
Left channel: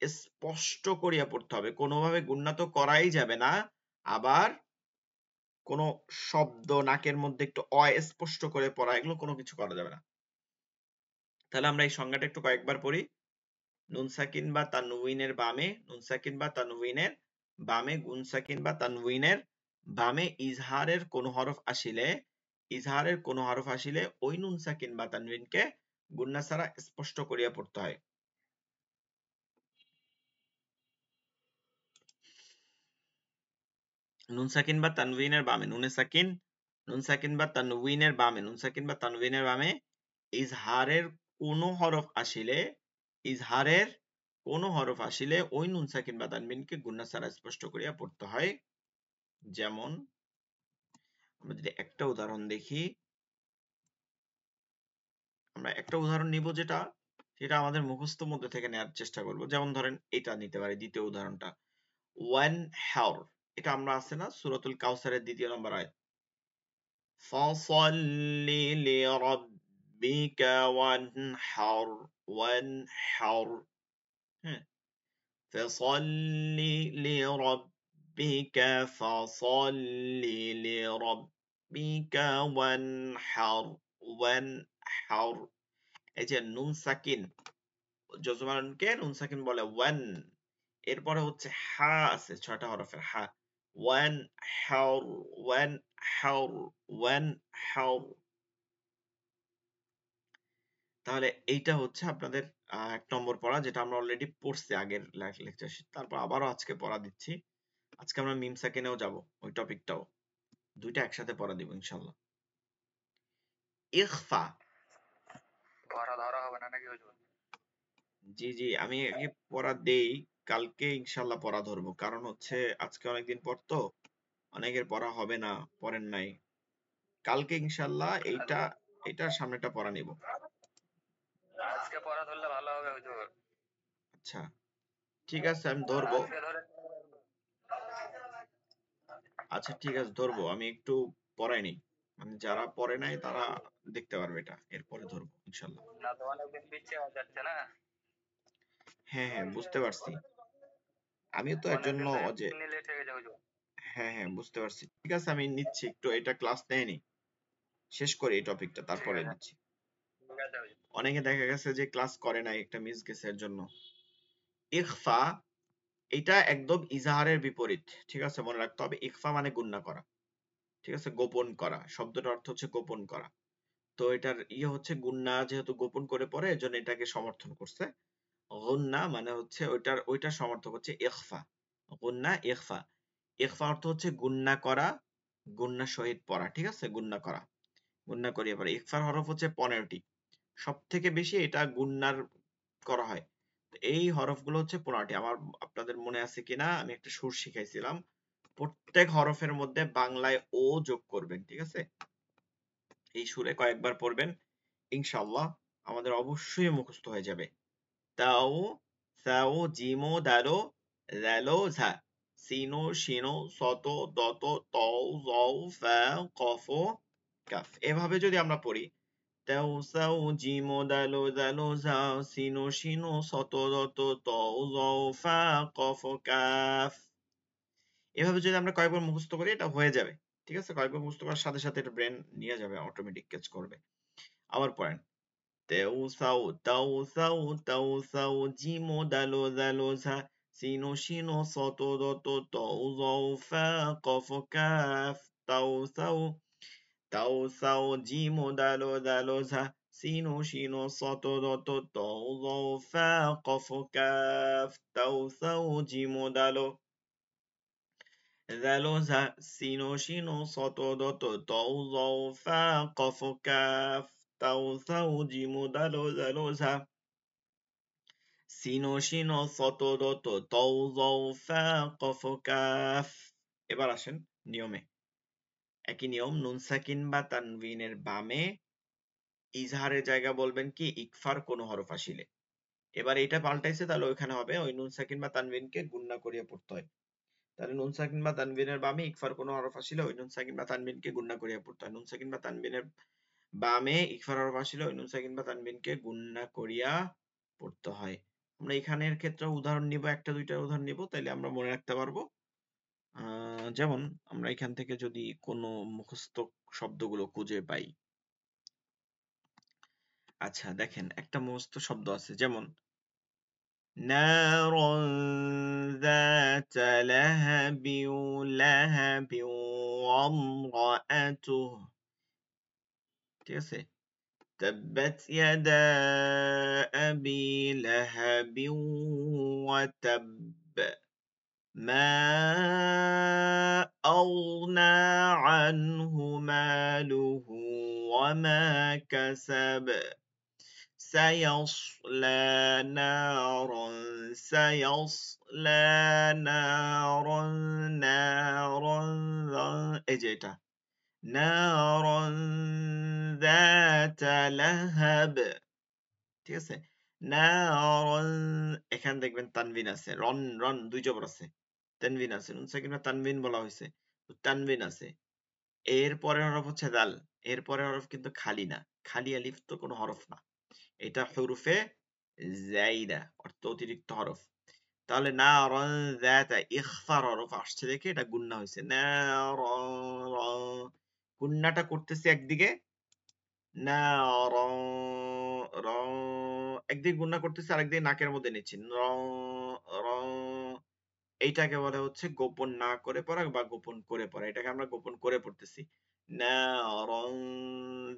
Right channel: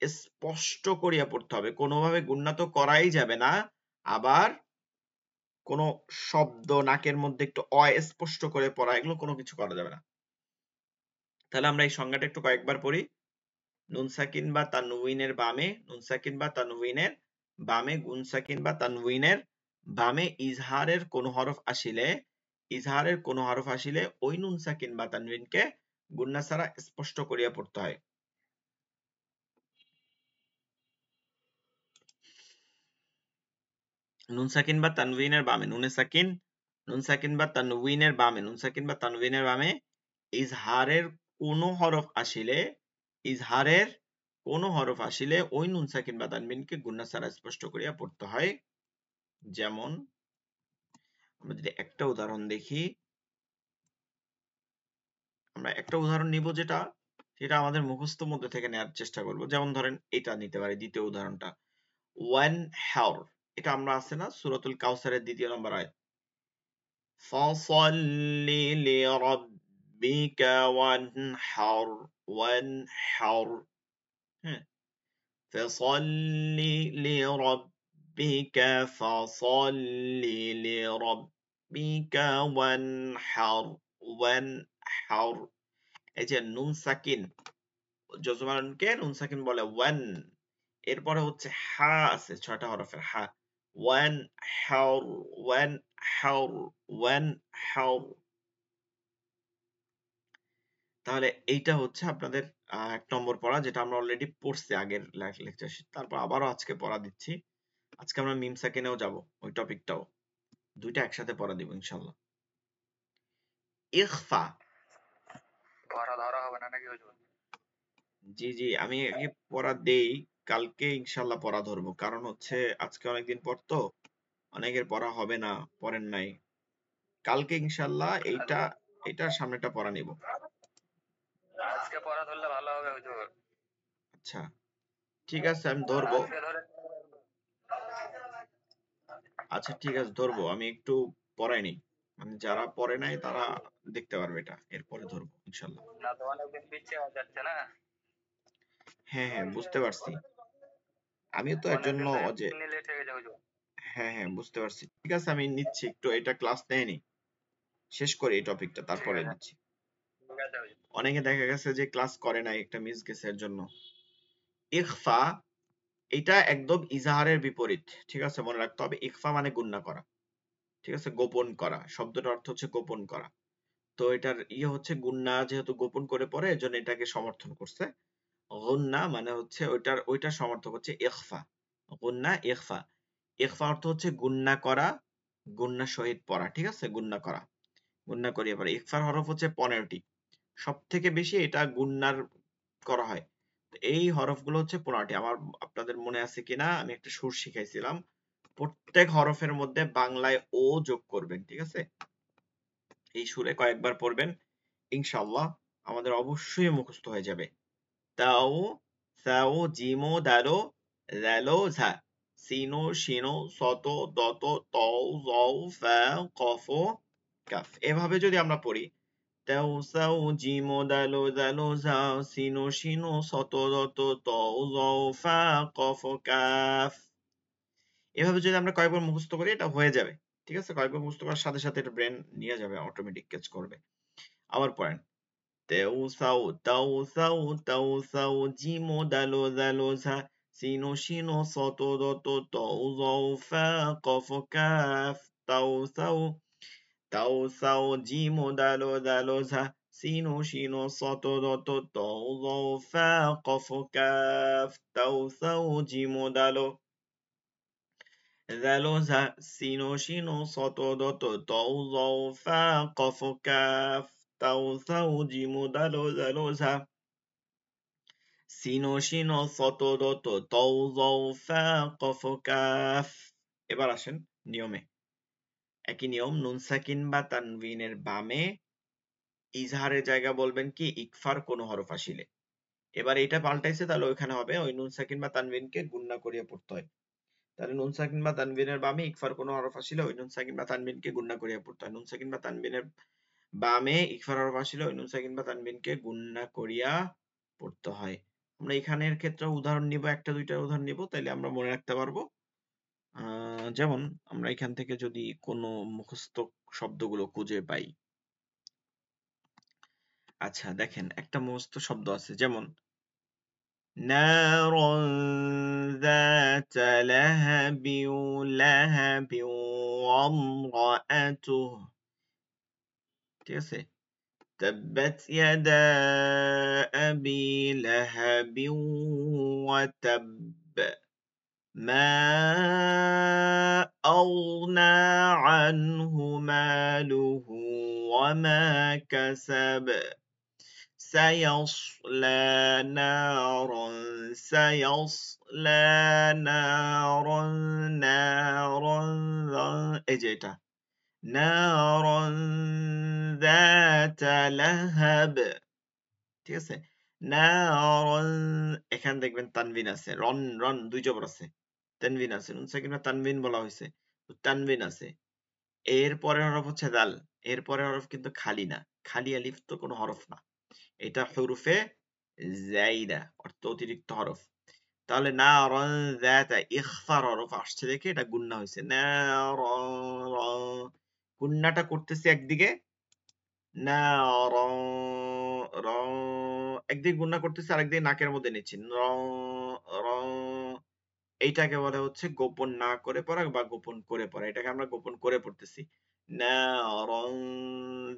স্পষ্ট করিয়া পড়তে হবে। কোনোভাবে গুণনা তো করাই যাবে না, আবার কোন শব্দ নাকের মধ্যে একটু অস্পষ্ট করে পড়া, এগুলো কোনো কিছু করা যাবে না। তাহলে আমরা এই সংজ্ঞাটা একটু কয়েকবার পড়ি। নুন সাকিন বা তানউইনের বামে, নুন সাকিন বা তানউইনের বামে, গুণ সাকিন বা তানউইনের বামে ইজহারের কোন হরফ আসিলে, ইজহারের কোন হরফ আসিলে ওই নুন সাকিন বা তানউইনকে গুণনা ছাড়া স্পষ্ট করিয়া পড়তে হয়। নুন সাকিন বা তানউইনের বামে, নুনে সাকিন, নুন সাকিন বা তানউইনের বামে, নুন সাকিন বা তানউইনের বামে ইজহারের কোন হরফ আসিলে, ইজহারের কোন হরফ আসিলে ওই নুন সাকিন বা তানবিনকে গুণনা ছাড়া স্পষ্ট করিয়া পড়তে হয়। যেমন আমরা যদি একটা উদাহরণ দেখি, আমরা একটা উদাহরণ নিব যেটা, সেটা আমাদের মুখস্থ মধ্যে থেকে নেওয়ার চেষ্টা করব। যেমন ধরেন এটা নিতে পারি, দ্বিতীয় উদাহরণটা, ওয়ান হাওর, এটা আমরা আছে না সূরাতুল কাউসারের 2য় নম্বর আয়াত, ফাসাল্লি লিরাব্বিকা ওয়ানহার, ওয়ানহার, হ্যাঁ, ফাসাল্লি লিরাব্বিকা, ফাসাল্লি লিরাব্বিকা ওয়ানহার, ওয়ানহার। এই যে নুন সাকিন, যজমানকে নুন সাকিন বলে ওয়ান, এরপরে হচ্ছে হা আছে 6টা হরফের হা, ওয়ান হাওর, ওয়ান হাওর, ওয়ান হাওর। তাহলে এইটা হচ্ছে আপনাদের ১ নম্বর পড়া, যেটা আমরা অলরেডি পড়ছি আগের লেকচার। তারপর আবারও আজকে পড়া দিচ্ছি। আজকে আমরা মিম সাকিনেও যাব, ওই টপিকটাও। দুইটা একসাথে পড়া দিব ইনশাআল্লাহ। ইখফা। পড়া ধরা হবে না নাকি হুজুর? জি, জি, আমি আগে পড়া দেই, কালকে ইনশাআল্লাহ পড়া ধরবো। কারণ হচ্ছে আজকে অনেকদিন পর তো, অনেকের পড়া হবে না, পড়েন নাই। কালকে ইনশাআল্লাহ এইটার সামনেটা পড়া নিব। আজকে পড়া ধরলে ভালো হবে হুজুর। আচ্ছা, ঠিক আছে, আমি ধরবো। আজকে ধরে আচ্ছা, ঠিক আছে, ধরবো। আমি একটু পড়াই নেই, মানে যারা পড়ে নাই তারা দেখতে পারবে এটা, এরপরে ধরবো ইনশাআল্লাহ। না তো অনেকদিন পিছিয়ে যাচ্ছে না, হ্যাঁ, হ্যাঁ, বুঝতে পারছি। আমিও তো এর জন্য অনেকদিন থেকে যে লেট হয়ে গেছে হুজুর। হ্যাঁ, হ্যাঁ, বুঝতে পারছি। ঠিক আছে, আমি নিচ্ছি একটু, এটা ক্লাস নেয়নি, শেষ করি এই টপিকটা, ঠিক তারপরে আছে, দিচ্ছি। ঠিক আছে হুজুর। অনেকে দেখা গেছে যে ক্লাস করে নাই, একটা মিস গেছে এর জন্য। ইখফা, এটা একদম ইজাহারের বিপরীত। ঠিক আছে, মনে রাখতে হবে। ইখফা মানে গুণনা করা। ঠিক আছে, গোপন করা শব্দটার অর্থ হচ্ছে গোপন করা। তো এটার হচ্ছে গুণনা, যেহেতু গোপন করে পড়ে এজন্য এটাকে সমর্থন করছে। গুণনা মানে হচ্ছে ওইটার সমর্থক হচ্ছে ইখফা। গুণনা, ইখফা। ইখফা অর্থ হচ্ছে গুণনা করা, গুণনা সহিত পড়া। ঠিক আছে, গুণনা করা, গুণনা করিয়ে পড়া। ইখফার হরফ হচ্ছে 15টি। সব থেকে বেশি এটা গুণনার করা হয়। তো এই হরফগুলো হচ্ছে 15টি। আপনাদের মনে আছে কিনা, আমি একটা সুর শিখাইছিলাম। প্রত্যেক হরফের মধ্যে বাংলায় ও যোগ করবেন। ঠিক আছে, এই সুরে কয়েকবার পড়বেন, ইনশাআল্লাহ আমাদের অবশ্যই মুখস্থ হয়ে যাবে। তাও, সাও, জিমো, দালো, ল্যালো, ঝা, সিনো, শিনো, সতো, দত, তও, জও, ফা, কফ, কাফ। এভাবে যদি আমরা পড়ি, তাও, সাও, জিমো, দালো, দালো, ঝা, সিনো, শিনো, সতো, দত, তও, জও, ফা, কফ, কাফ। এভাবে যদি আমরা কয়েকবার মুখস্থ করি, এটা হয়ে যাবে। ঠিক আছে, কয়েকবার মুখস্থ করার সাথে সাথে এটা ব্রেন নিয়ে যাবে, অটোমেটিক ক্যাচ করবে। আবার পড়েন। তেউ সাউ, তাউ সাউ, তাউ সাউ, জিমো, দালো, দালো, ঝা, সিনো, শিনো, সতো, দত, তও, জও, ফা, কফ, কাফ। তাও সাউ, তাও সাউ, জিমো, দালো, দালো, ঝা, সিনো, শিনো, সতো, দত, তও, জও, ফা, কফ, কাফ। তাও সাউ, জিমো, দালো, দালো, ঝা, সিনো, শিনো, সতো, দত, তও, জও, ফা, কফ, কাফ। তাও সাউ, জিমো, দালো, দালো, ঝা, সিনো, শিনো, সতো, দত, তও, জও, ফা, কফ, কাফ। এবার আসেন নিয়মে। একই নিয়ম, নুন সাকিন বা তানবিনের বামে ইজহারের জায়গা বলবেন কি ইকফার কোন হরফ আসিলে। এবার এটা পাল্টাইছে, তাহলে ওইখানে হবে ওই নুন সাকিন বা তানবিনকে গুণনা করিয়ে পড়তে হয়। তাহলে নুন সাকিন বা তানবিনের বামে ইকফার কোন হরফ আসিলে ওই নুন সাকিন বা তানবিনকে গুণনা করিয়ে পড়তে হয়। নুন সাকিন বা তানবিনের বামে ইকফার হরফ আসিলে ওই নুন সাকিন বা তানবিনকে গুণনা করিয়া পড়তে হয়। আমরা এখানের ক্ষেত্রে উদাহরণ নিব, একটা দুইটা উদাহরণ নিব, তাইলে আমরা মনে রাখতে পারবো। যেমন আমরা এখান থেকে যদি কোনো মুখস্থ শব্দগুলো খুঁজে পাই। আচ্ছা, দেখেন একটা মুখস্থ শব্দ আছে, যেমন نارا ذات لهب لهب وامرأته। ঠিক আছে, تبت يدا أبي لهب وتب ما أغنى عنه ماله وما كسب سيصلى نارا سيصلى نارا نارا এই যে এটা نارا ذات لهب। ঠিক আছে, نارا, এখানে দেখবেন তানবিন আছে, রন রন দুই জবর আছে, তানবিন আছে, নুন সাকিন বা তানবিন বলা হয়েছে, তো তানবিন আছে। এর পরের হরফ হচ্ছে দাল। এর পরের হরফ কিন্তু খালি না, খালি আলিফ তো কোনো হরফ না, এটা হুরুফে জাইদা, অর্থ অতিরিক্ত হরফ। তাহলে না রন যাতা ইখফার হরফ আসছে দেখে এটা গুন্না হয়েছে, না র র, গুন্নাটা করতেছে একদিকে, না র র, একদিকে গুন্না করতেছে, আরেকদিকে নাকের মধ্যে নিচ্ছে, র র। এইটাকে বলে হচ্ছে গোপন না করে পড়া বা গোপন করে পড়া। এটাকে আমরা গোপন করে পড়তেছি, না রন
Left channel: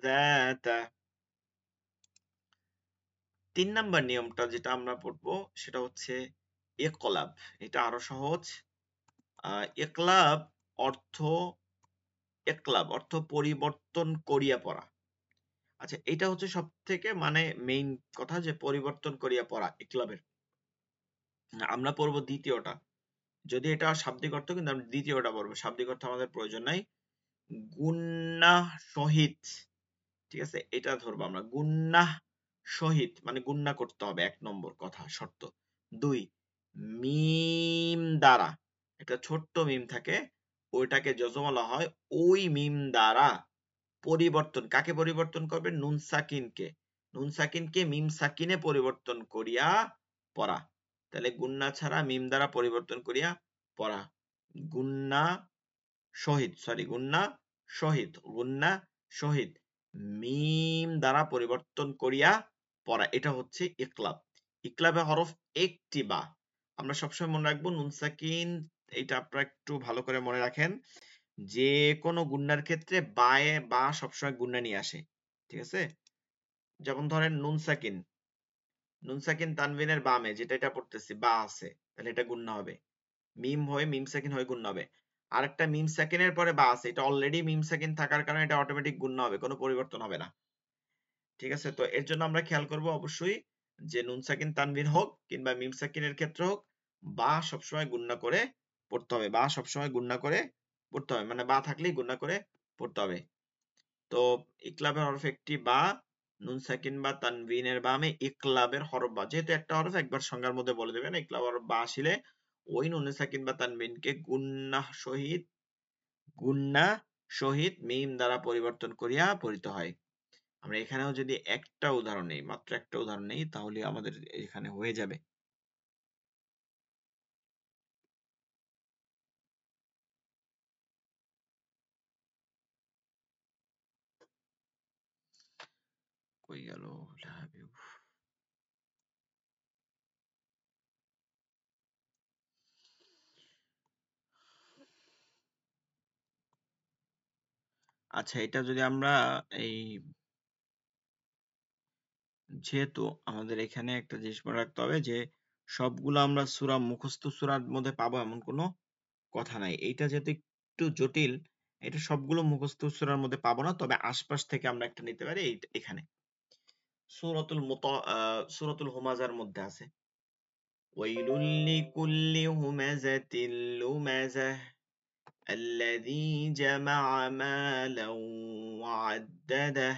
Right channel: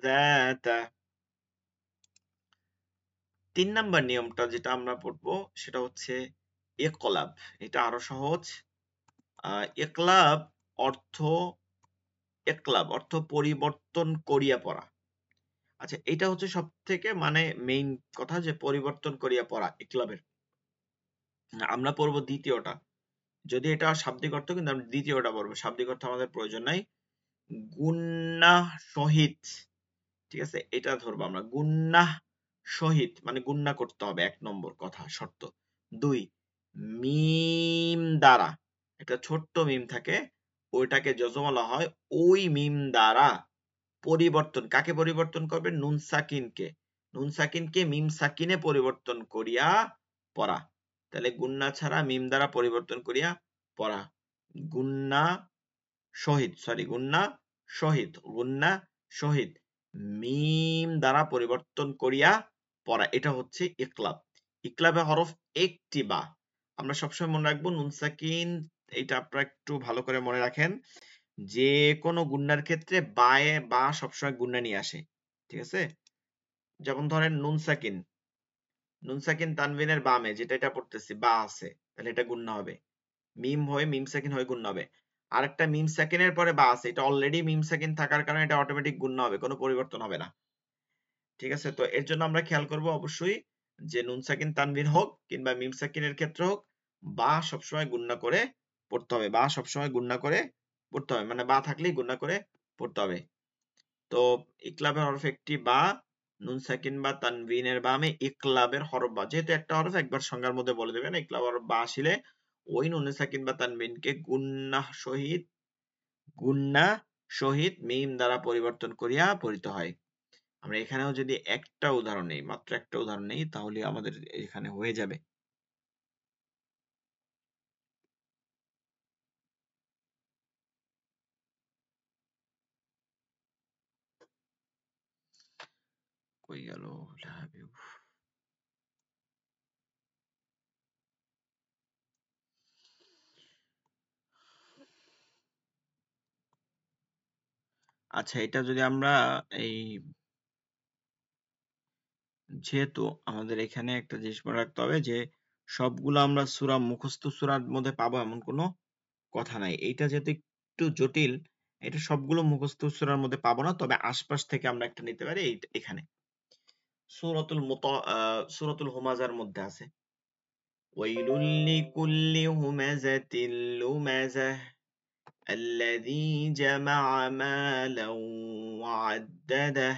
যাতা। 3 নাম্বার নিয়মটা যেটা আমরা পড়বো সেটা হচ্ছে ইকলাব। এটা আরো সহজ। ইকলাব অর্থ পরিবর্তন করিয়া পড়া। আচ্ছা, এটা হচ্ছে সবথেকে মানে মেইন কথা, যে পরিবর্তন করিয়া পড়া ইকলাবের। আমরা পড়বো দ্বিতীয়টা। যদি এটা শাব্দিক অর্থ, কিন্তু আমরা দ্বিতীয়টা পড়বো, শাব্দিক অর্থ আমাদের প্রয়োজন নাই। গুন্নাহ সহিত, ঠিক আছে, এটা ধরবো আমরা। গুন্নাহ সহিত মানে গুন্না করতে হবে, 1 নম্বর কথা, শর্ত। 2, মিম দ্বারা, একটা ছোট্ট মিম থাকে, ওইটাকে যজম বলা হয়। ওই মিম দ্বারা পরিবর্তন, কাকে পরিবর্তন করবে? নুন সাকিনকে। নুন সাকিনকে মিম সাকিনে পরিবর্তন করিয়া পড়া। তাহলে গুন্না ছাড়া মিম দ্বারা পরিবর্তন করিয়া পড়া। গুন্না শহীদ, সরি, গুন্না শহীদ, গুন্না শহীদ মিম দ্বারা পরিবর্তন করিয়া পড়া, এটা হচ্ছে ইকলাব। ইকলাবে হরফ একটি বা। আমরা সবসময় মনে রাখবো নুন সাকিন, এটা আপনারা একটু ভালো করে মনে রাখেন, যে কোনো গুন্নার ক্ষেত্রে বায়ে বা সবসময় গুন্না নিয়ে আসে, ঠিক আছে? যেমন ধরেন নুন সাকিন তানবিনের বামে, যেটা এটা পড়তেছি, বা আছে, তাহলে এটা গুন্না হবে। মিম হয়ে মিম সাকিন হয়ে গুন্না হবে। আরেকটা মিম সাকিনের পরে বা আছে, এটা অলরেডি মিম সাকিন থাকার কারণে এটা অটোমেটিক গুন্না হবে, কোনো পরিবর্তন হবে না, ঠিক আছে? তো এর জন্য আমরা খেয়াল করব অবশ্যই, যে নুন সাকিন তানবিন হোক কিংবা মিম সাকিনের ক্ষেত্রে হোক, বা সবসময় গুন্না করে পড়তে হবে। বা সবসময় গুন্না করে পড়তে হবে, মানে বা থাকলেই গুন্না করে পড়তে হবে। তো ইকলাবের হরফ একটি বা, নুন সাকিন বা তানবিনের বামে ইকলাবের হরফ বা, যেহেতু একটা হরফ একবার সংজ্ঞার মধ্যে বলে দেবেন, ইকলাব হরফ বা আসলে ওই নুন সাকিন বা তানবিনকে গুন্না সহিত মিম দ্বারা পরিবর্তন করিয়া পড়িতে হয়। আমরা এখানেও যদি একটা উদাহরণ নেই, মাত্র একটা উদাহরণ নেই, তাহলে আমাদের এখানে হয়ে যাবে। কই গেল? আচ্ছা, এটা যদি আমরা এই, যেহেতু আমাদের এখানে একটা জিনিস মনে রাখতে হবে, যে সবগুলো আমরা সূরা মুখস্থ সূরার মধ্যে পাবো এমন কোনো কথা নাই। এইটা যেহেতু একটু জটিল, এটা সবগুলো মুখস্থ সূরার মধ্যে পাবো না, তবে আশপাশ থেকে আমরা একটা নিতে পারি। এখানে সূরাতুল হুমাযার মধ্যে আছে, ওয়াইলুল লিকুল্লি হুমাযাতিল লুমাযাহ الذي جمع مالا وعدده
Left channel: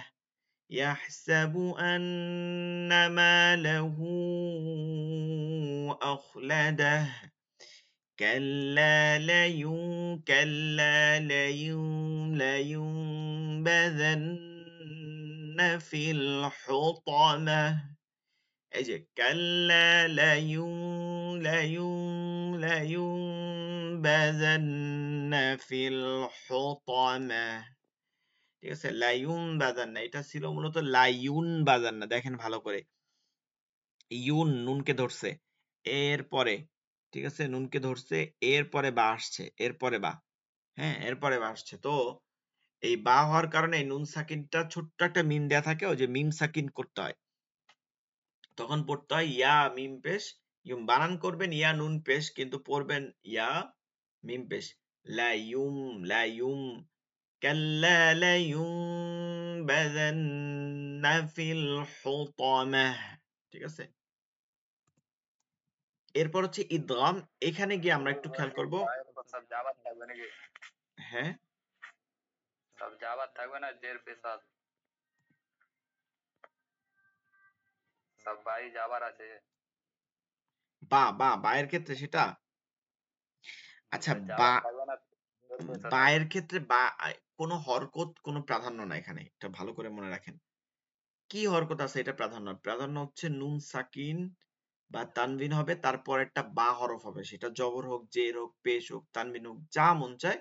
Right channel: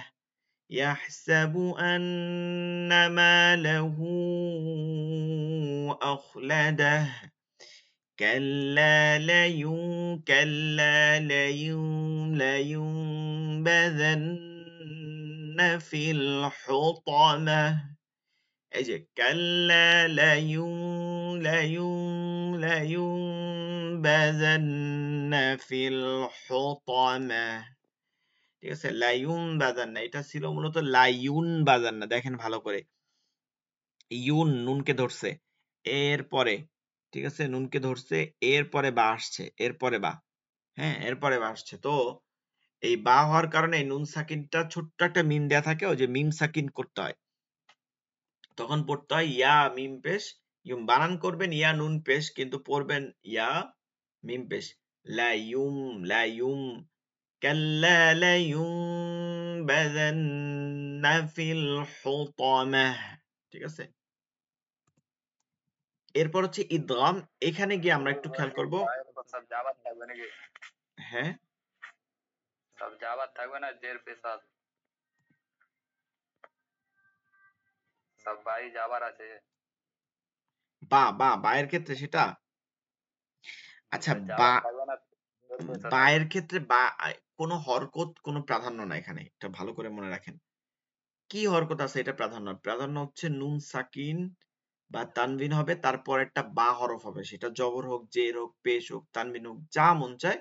يحسب أن ماله أخلده كلا لينبذن في الحطمة। এই যে কাল্লা লায়ুনবাযান্না ফিল হুতামা, ঠিক আছে? লায়ুনবাযান্না, এটা ছিল মূলত লায়ুনবাযান্না। দেখেন ভালো করে, নুনকে ধরছে, এরপরে, ঠিক আছে, নুনকে ধরছে, এরপরে বা আসছে, এরপরে বা, হ্যাঁ, এরপরে বা আসছে। তো এই বা হওয়ার কারণে নুন সাকিনটা ছোট্ট একটা মিম দেয়া থাকে, ওই যে মিম সাকিন করতে হয়, তখন পড়তে হয় ইয়া মিম পেশ ইউম। বানান করবেন ইয়া নুন পেশ, কিন্তু পড়বেন ইয়া মিম পেশ। লাইয়ুম কাল্লা লাইয়ুনবাযান্না ফিল হুতামাহ, ঠিক আছে? এরপর হচ্ছে ইদগাম। এখানে গিয়ে আমরা একটু খেয়াল করব। সব জাবাত থাকবে নাকি? হ্যাঁ, সব জাবাত থাকবে না, জের পেশাদ সব বাই জাবার আছে। বায়ের ক্ষেত্রে সেটা, আচ্ছা, বা জাবাত থাকবে না, জের পেশা থাকবে। বায়ের ক্ষেত্রে বা কোনো হরকত কোনো প্রাধান্য না এখানে, এটা ভালো করে মনে রাখেন। কি হরকত আছে এটা প্রাধান্য? প্রাধান্য হচ্ছে নুন সাকিন বা তানবিন হবে, তারপর একটা বা হরফ হবে, সেটা জবর হোক, জের হোক, পেশ হোক, তানবিন হোক, যা মন চায়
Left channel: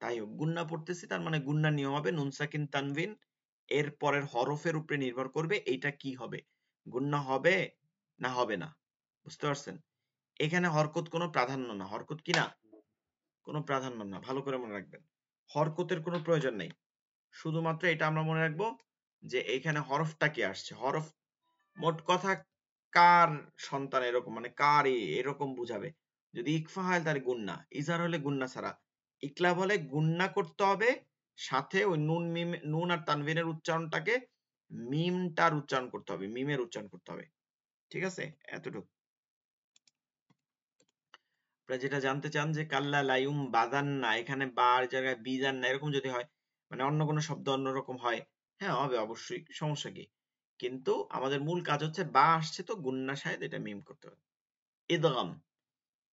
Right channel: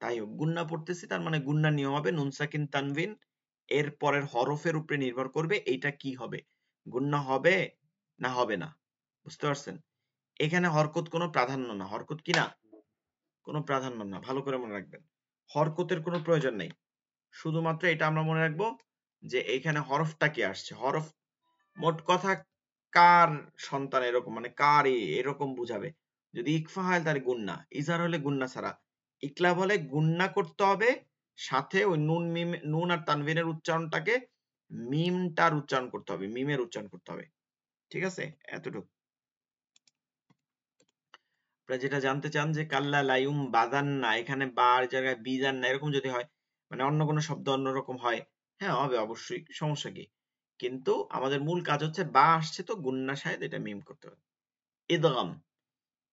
তাই হোক। গুন্না পড়তেছি, তার মানে গুন্না নিয়ম হবে নুন সাকিন তানবিন, এর পরের হরফের উপরে নির্ভর করবে এইটা কি হবে, গুন্না হবে না হবে না। বুঝতে পারছেন? এখানে হরকত কোনো প্রাধান্য না। হরকত কি না? কোনো প্রাধান্য না। ভালো করে মনে রাখবেন, হরকতের কোনো প্রয়োজন নেই। শুধুমাত্র এটা আমরা মনে রাখবো যে এইখানে হরফটা কি আসছে, হরফ মোট কথা কার সন্তান এরকম, মানে কার এরকম বুঝাবে। যদি ইকফা হয় তাহলে গুন্না, ইজার হলে গুন্না ছাড়া, ইকলাব হলে গুন্না করতে হবে, সাথে ওই নুন মিম, নুন আর তানবিনের উচ্চারণটাকে মিমটার উচ্চারণ করতে হবে, মিমের উচ্চারণ করতে হবে। ঠিক আছে, এতটুকু। আপনারা যেটা জানতে চান যে কাল্লা লাইউম বাদান না, এখানে বার জায়গায় বিজান না, এরকম যদি হয়, মানে অন্য কোনো শব্দ অন্যরকম হয়, হ্যাঁ হবে অবশ্যই, সমস্যা কি। কিন্তু আমাদের মূল কাজ হচ্ছে বা আসছে তো গুন্না শাহেদ, এটা মিম করতে হবে। ইদগাম,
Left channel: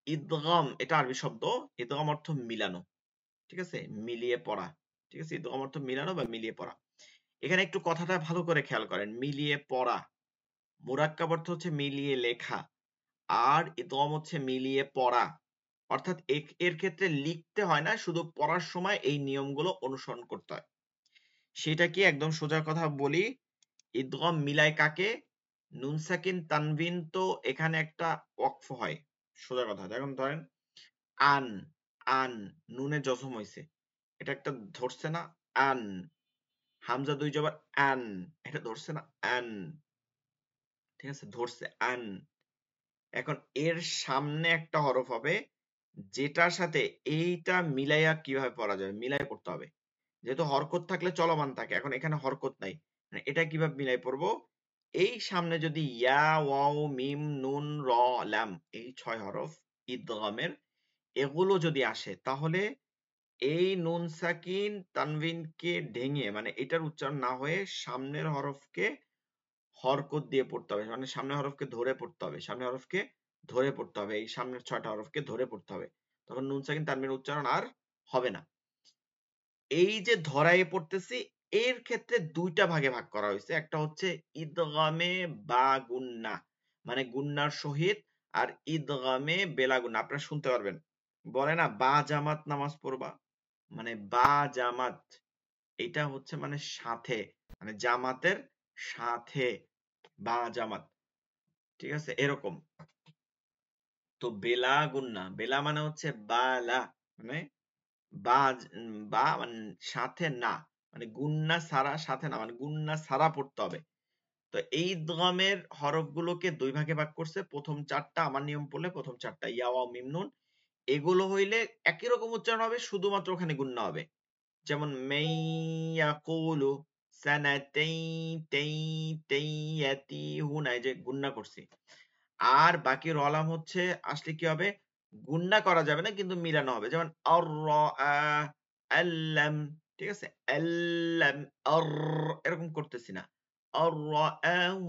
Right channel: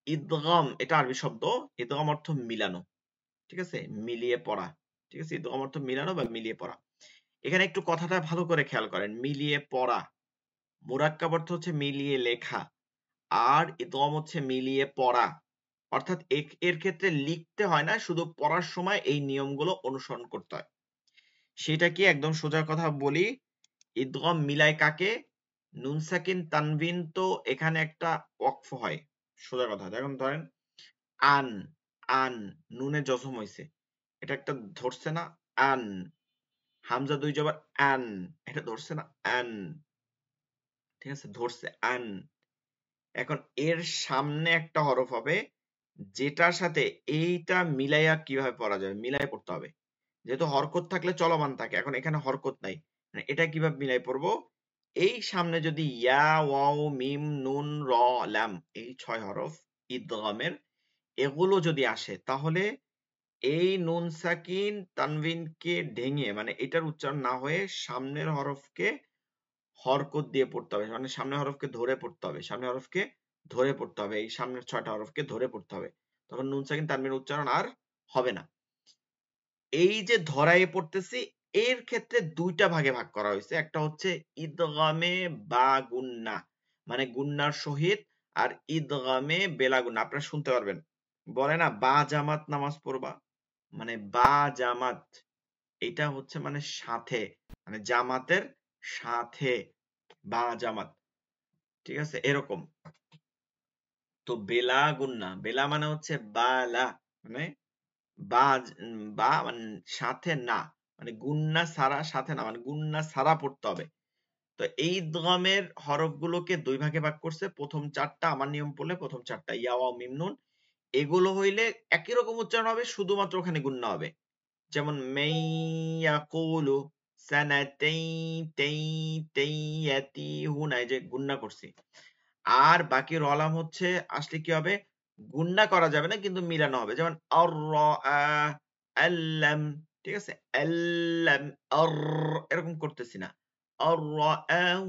ইদগাম এটা আরবি শব্দ, ইদগাম অর্থ মিলানো, ঠিক আছে, মিলিয়ে পড়া। ঠিক আছে, ইদগাম অর্থ মিলানো বা মিলিয়ে পড়া। এখানে একটু কথাটা ভালো করে খেয়াল করেন, মিলিয়ে পড়া, মুরাক্কাব অর্থ হচ্ছে মিলিয়ে লেখা, আর ইদগাম হচ্ছে মিলিয়ে পড়া। অর্থাৎ এর ক্ষেত্রে লিখতে হয় না, শুধু পড়ার সময় এই নিয়মগুলো অনুসরণ করতে হয়। সেটা কি একদম সোজা কথা বলি, ইদগম মিলায় কাকে, নুন সাকিন তানবিন, তো এখানে একটা ওয়াকফ হয়, সোজা কথা। এখন ধরেন আন, আন নুনে জজম হইছে, এটা একটা ধরছে না, আন, হামজা দুই জবর আন, এটা ধরছে না, আন, ঠিক আছে, ধরছে আন। এখন এর সামনে একটা হরফ হবে যেটার সাথে এইটা মিলাইয়া কিভাবে পড়া যাবে, মিলাই পড়তে হবে। যেহেতু হরকত থাকলে চলমান থাকে, এখন এখানে হরকত নাই, মানে এটা কিভাবে মিলাই পড়বো, এই সামনে যদি ইয়া ওয়াও মিম নুন র লাম, এই 6 হরফ ইদগামের, এগুলো যদি আসে, তাহলে এই নুন সাকিন তানবিনকে ঢেঙে, মানে এটার উচ্চারণ না হয়ে সামনের হরফকে হরকত দিয়ে পড়তে হবে, মানে সামনের হরফকে ধরে পড়তে হবে, সামনের হরফকে ধরে পড়তে হবে, এই সামনের 6টা হরফকে ধরে পড়তে হবে, তখন নুন সাকিন তানবিনের উচ্চারণ আর হবে না। এই যে ধরায় পড়তেছি, এর ক্ষেত্রে দুইটা ভাগে ভাগ করা হয়েছে, একটা হচ্ছে ইদগামে বা গুন্না, মানে গুন্নার সহিত, আর ইদগামে বেলা গুন্না। আপনারা শুনতে পারবেন, বলে না বা জামাত নামাজ পড়বা, মানে বা জামাত, এটা হচ্ছে মানে সাথে, মানে জামাতের সাথে, বা জামাত, ঠিক আছে, এরকম। তো বেলা গুন্না, বেলা মানে হচ্ছে বালা, মানে বা, বা মানে সাথে না, মানে গুন্না ছাড়া, সাথে না মানে গুন্না ছাড়া পড়তে হবে। তো এই ইদগামের হরফগুলোকে দুই ভাগে ভাগ করছে, প্রথম 4টা আমার নিয়ম পড়লে প্রথম 4টা ইয়া ওয়া মিম নুন, এগুলো হইলে একই রকম উচ্চারণ হবে, শুধুমাত্র ওখানে গুন্না হবে। যেমন মাইয়াকুলু সানাতাই তাই তাইয়াতিহুনা, এই যে গুন্না করছি। আর বাকি রলাম হচ্ছে আসলে কি হবে, গুন্না করা যাবে না কিন্তু মিলানো হবে, যেমন আর আল্লাম, ঠিক আছে, আল্লাম আর, এরকম করতেছি না, আর